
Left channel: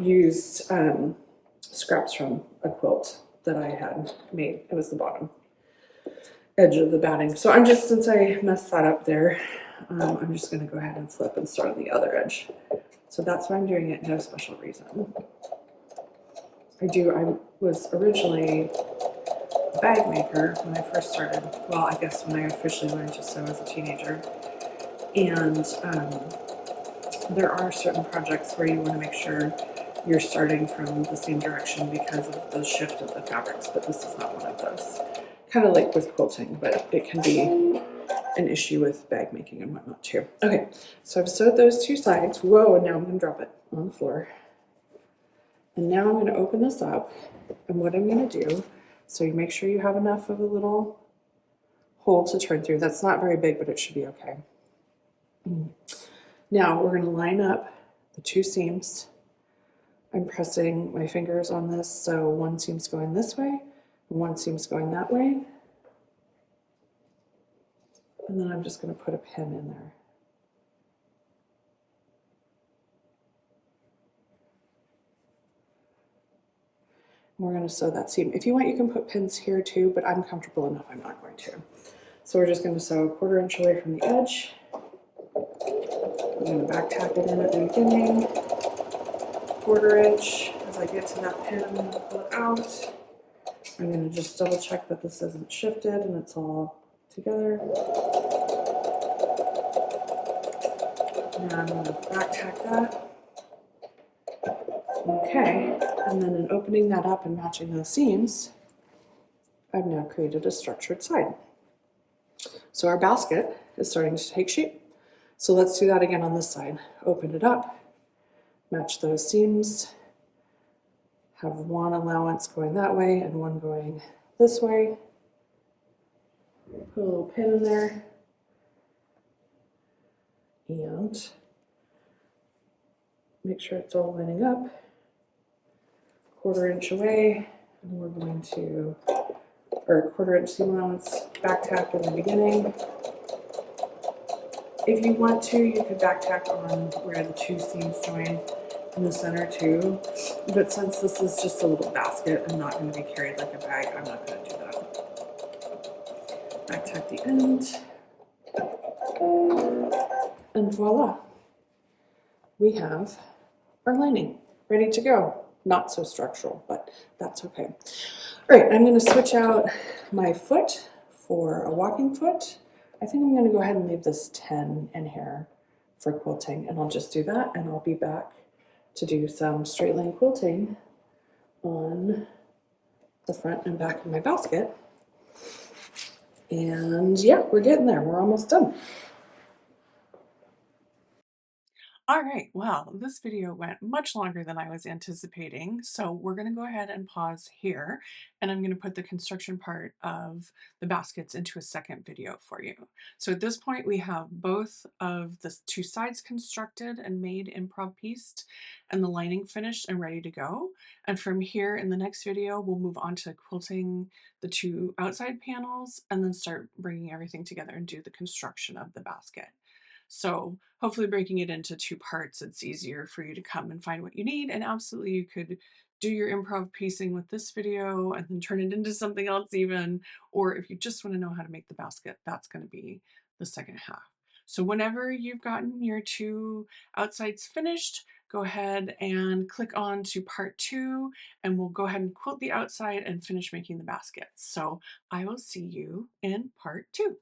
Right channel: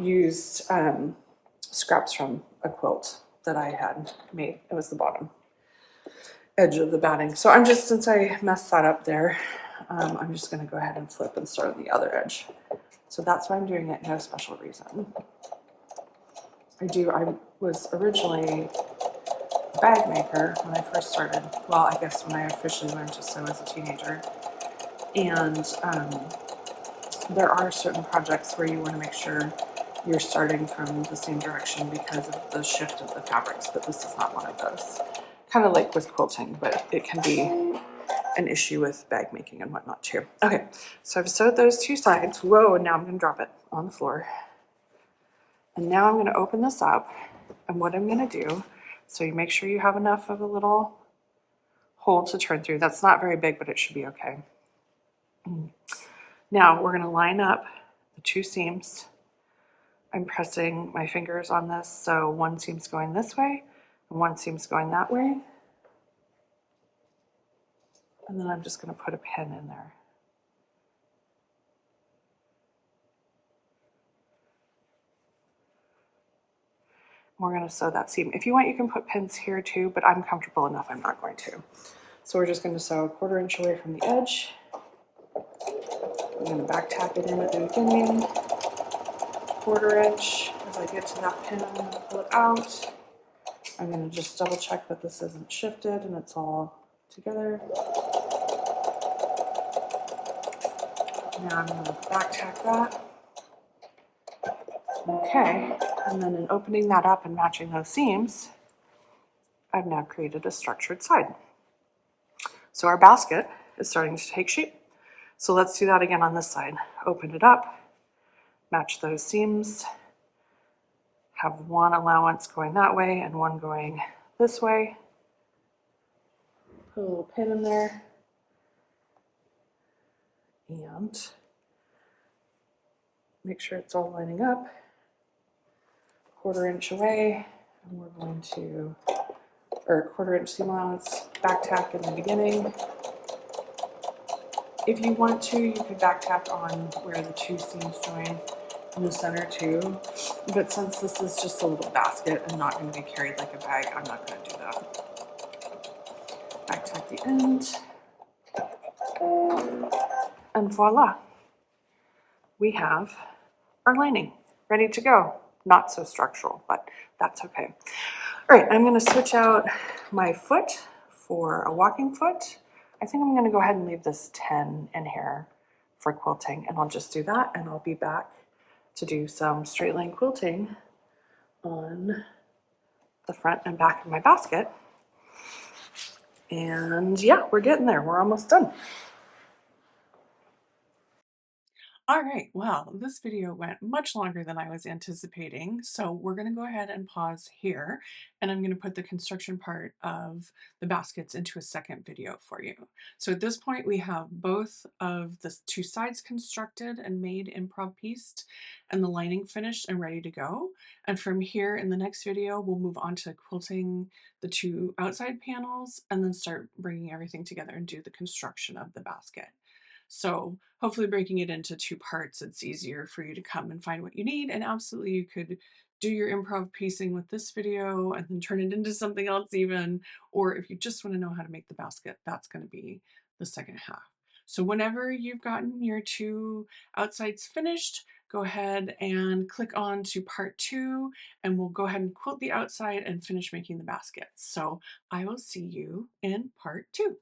used scraps from a quilt that I had made. It was the bottom edge of the batting. So I'm just, since I messed that up there, I'm just going to go ahead and flip and start on the other edge. So that's why I'm doing it, no special reason. I was originally a bag maker when I first started. Well, I guess when I officially learned to sew as a teenager. And there are certain projects where you want to make sure you're starting from the same direction because of the shift of the fabrics, but this is not one of those. Kind of like with quilting, but it can be an issue with bag making and whatnot too. Okay, so I've sewed those two sides. Whoa, and now I'm going to drop it on the floor. And now I'm going to open this up, and what I'm going to do, so you make sure you have enough of a little hole to turn through. That's not very big, but it should be okay. Now we're going to line up the two seams. I'm pressing my fingers on this, so one seam's going this way and one seam's going that way. And then I'm just going to put a pin in there. We're going to sew that seam. If you want, you can put pins here too, but I'm comfortable enough, I'm not going to. So we're just going to sew 1/4 inch away from the edge. I'm going to back tack it in at the beginning, 1/4 inch. As I get to that pin, I'm going to pull it out. I'm going to just double check that this isn't shifted and it's all together. Now I'm going to back tack that. Okay, and then in opening that up and matching those seams, I've now created a structured side. So our basket is starting to take shape. So let's do that again on this side. Open it up, match those seams, have one allowance going that way and one going this way. Put a little pin in there and make sure it's all lining up. 1/4 inch away, and we're going to, or 1/4 inch seam allowance, back tack in the beginning. If you want to, you could back tack on where the two seams join in the center too, but since this is just a little basket and not going to be carried like a bag, I'm not going to do that. Back tack the end, and voila, we have our lining ready to go. Not so structural, but that's okay. All right, I'm going to switch out my foot for a walking foot. I think I'm going to go ahead and leave this 10 in here for quilting, and I'll just do that, and I'll be back to do some straight line quilting on the front and back of my basket. And yeah, we're getting there. We're almost done. All right, well, this video went much longer than I was anticipating, so we're going to go ahead and pause here, and I'm going to put the construction part of the baskets into a second video for you. So at this point, we have both of the two sides constructed and made improv pieced, and the lining finished and ready to go. And from here in the next video, we'll move on to quilting the two outside panels and then start bringing everything together and do the construction of the basket. So hopefully breaking it into two parts, it's easier for you to come and find what you need. And absolutely you could do your improv piecing with this video and then turn it into something else even. Or if you just want to know how to make the basket, that's going to be the second half. So whenever you've gotten your two outsides finished, go ahead and click on to part 2 and we'll go ahead and quilt the outside and finish making the basket. So I will see you in part 2.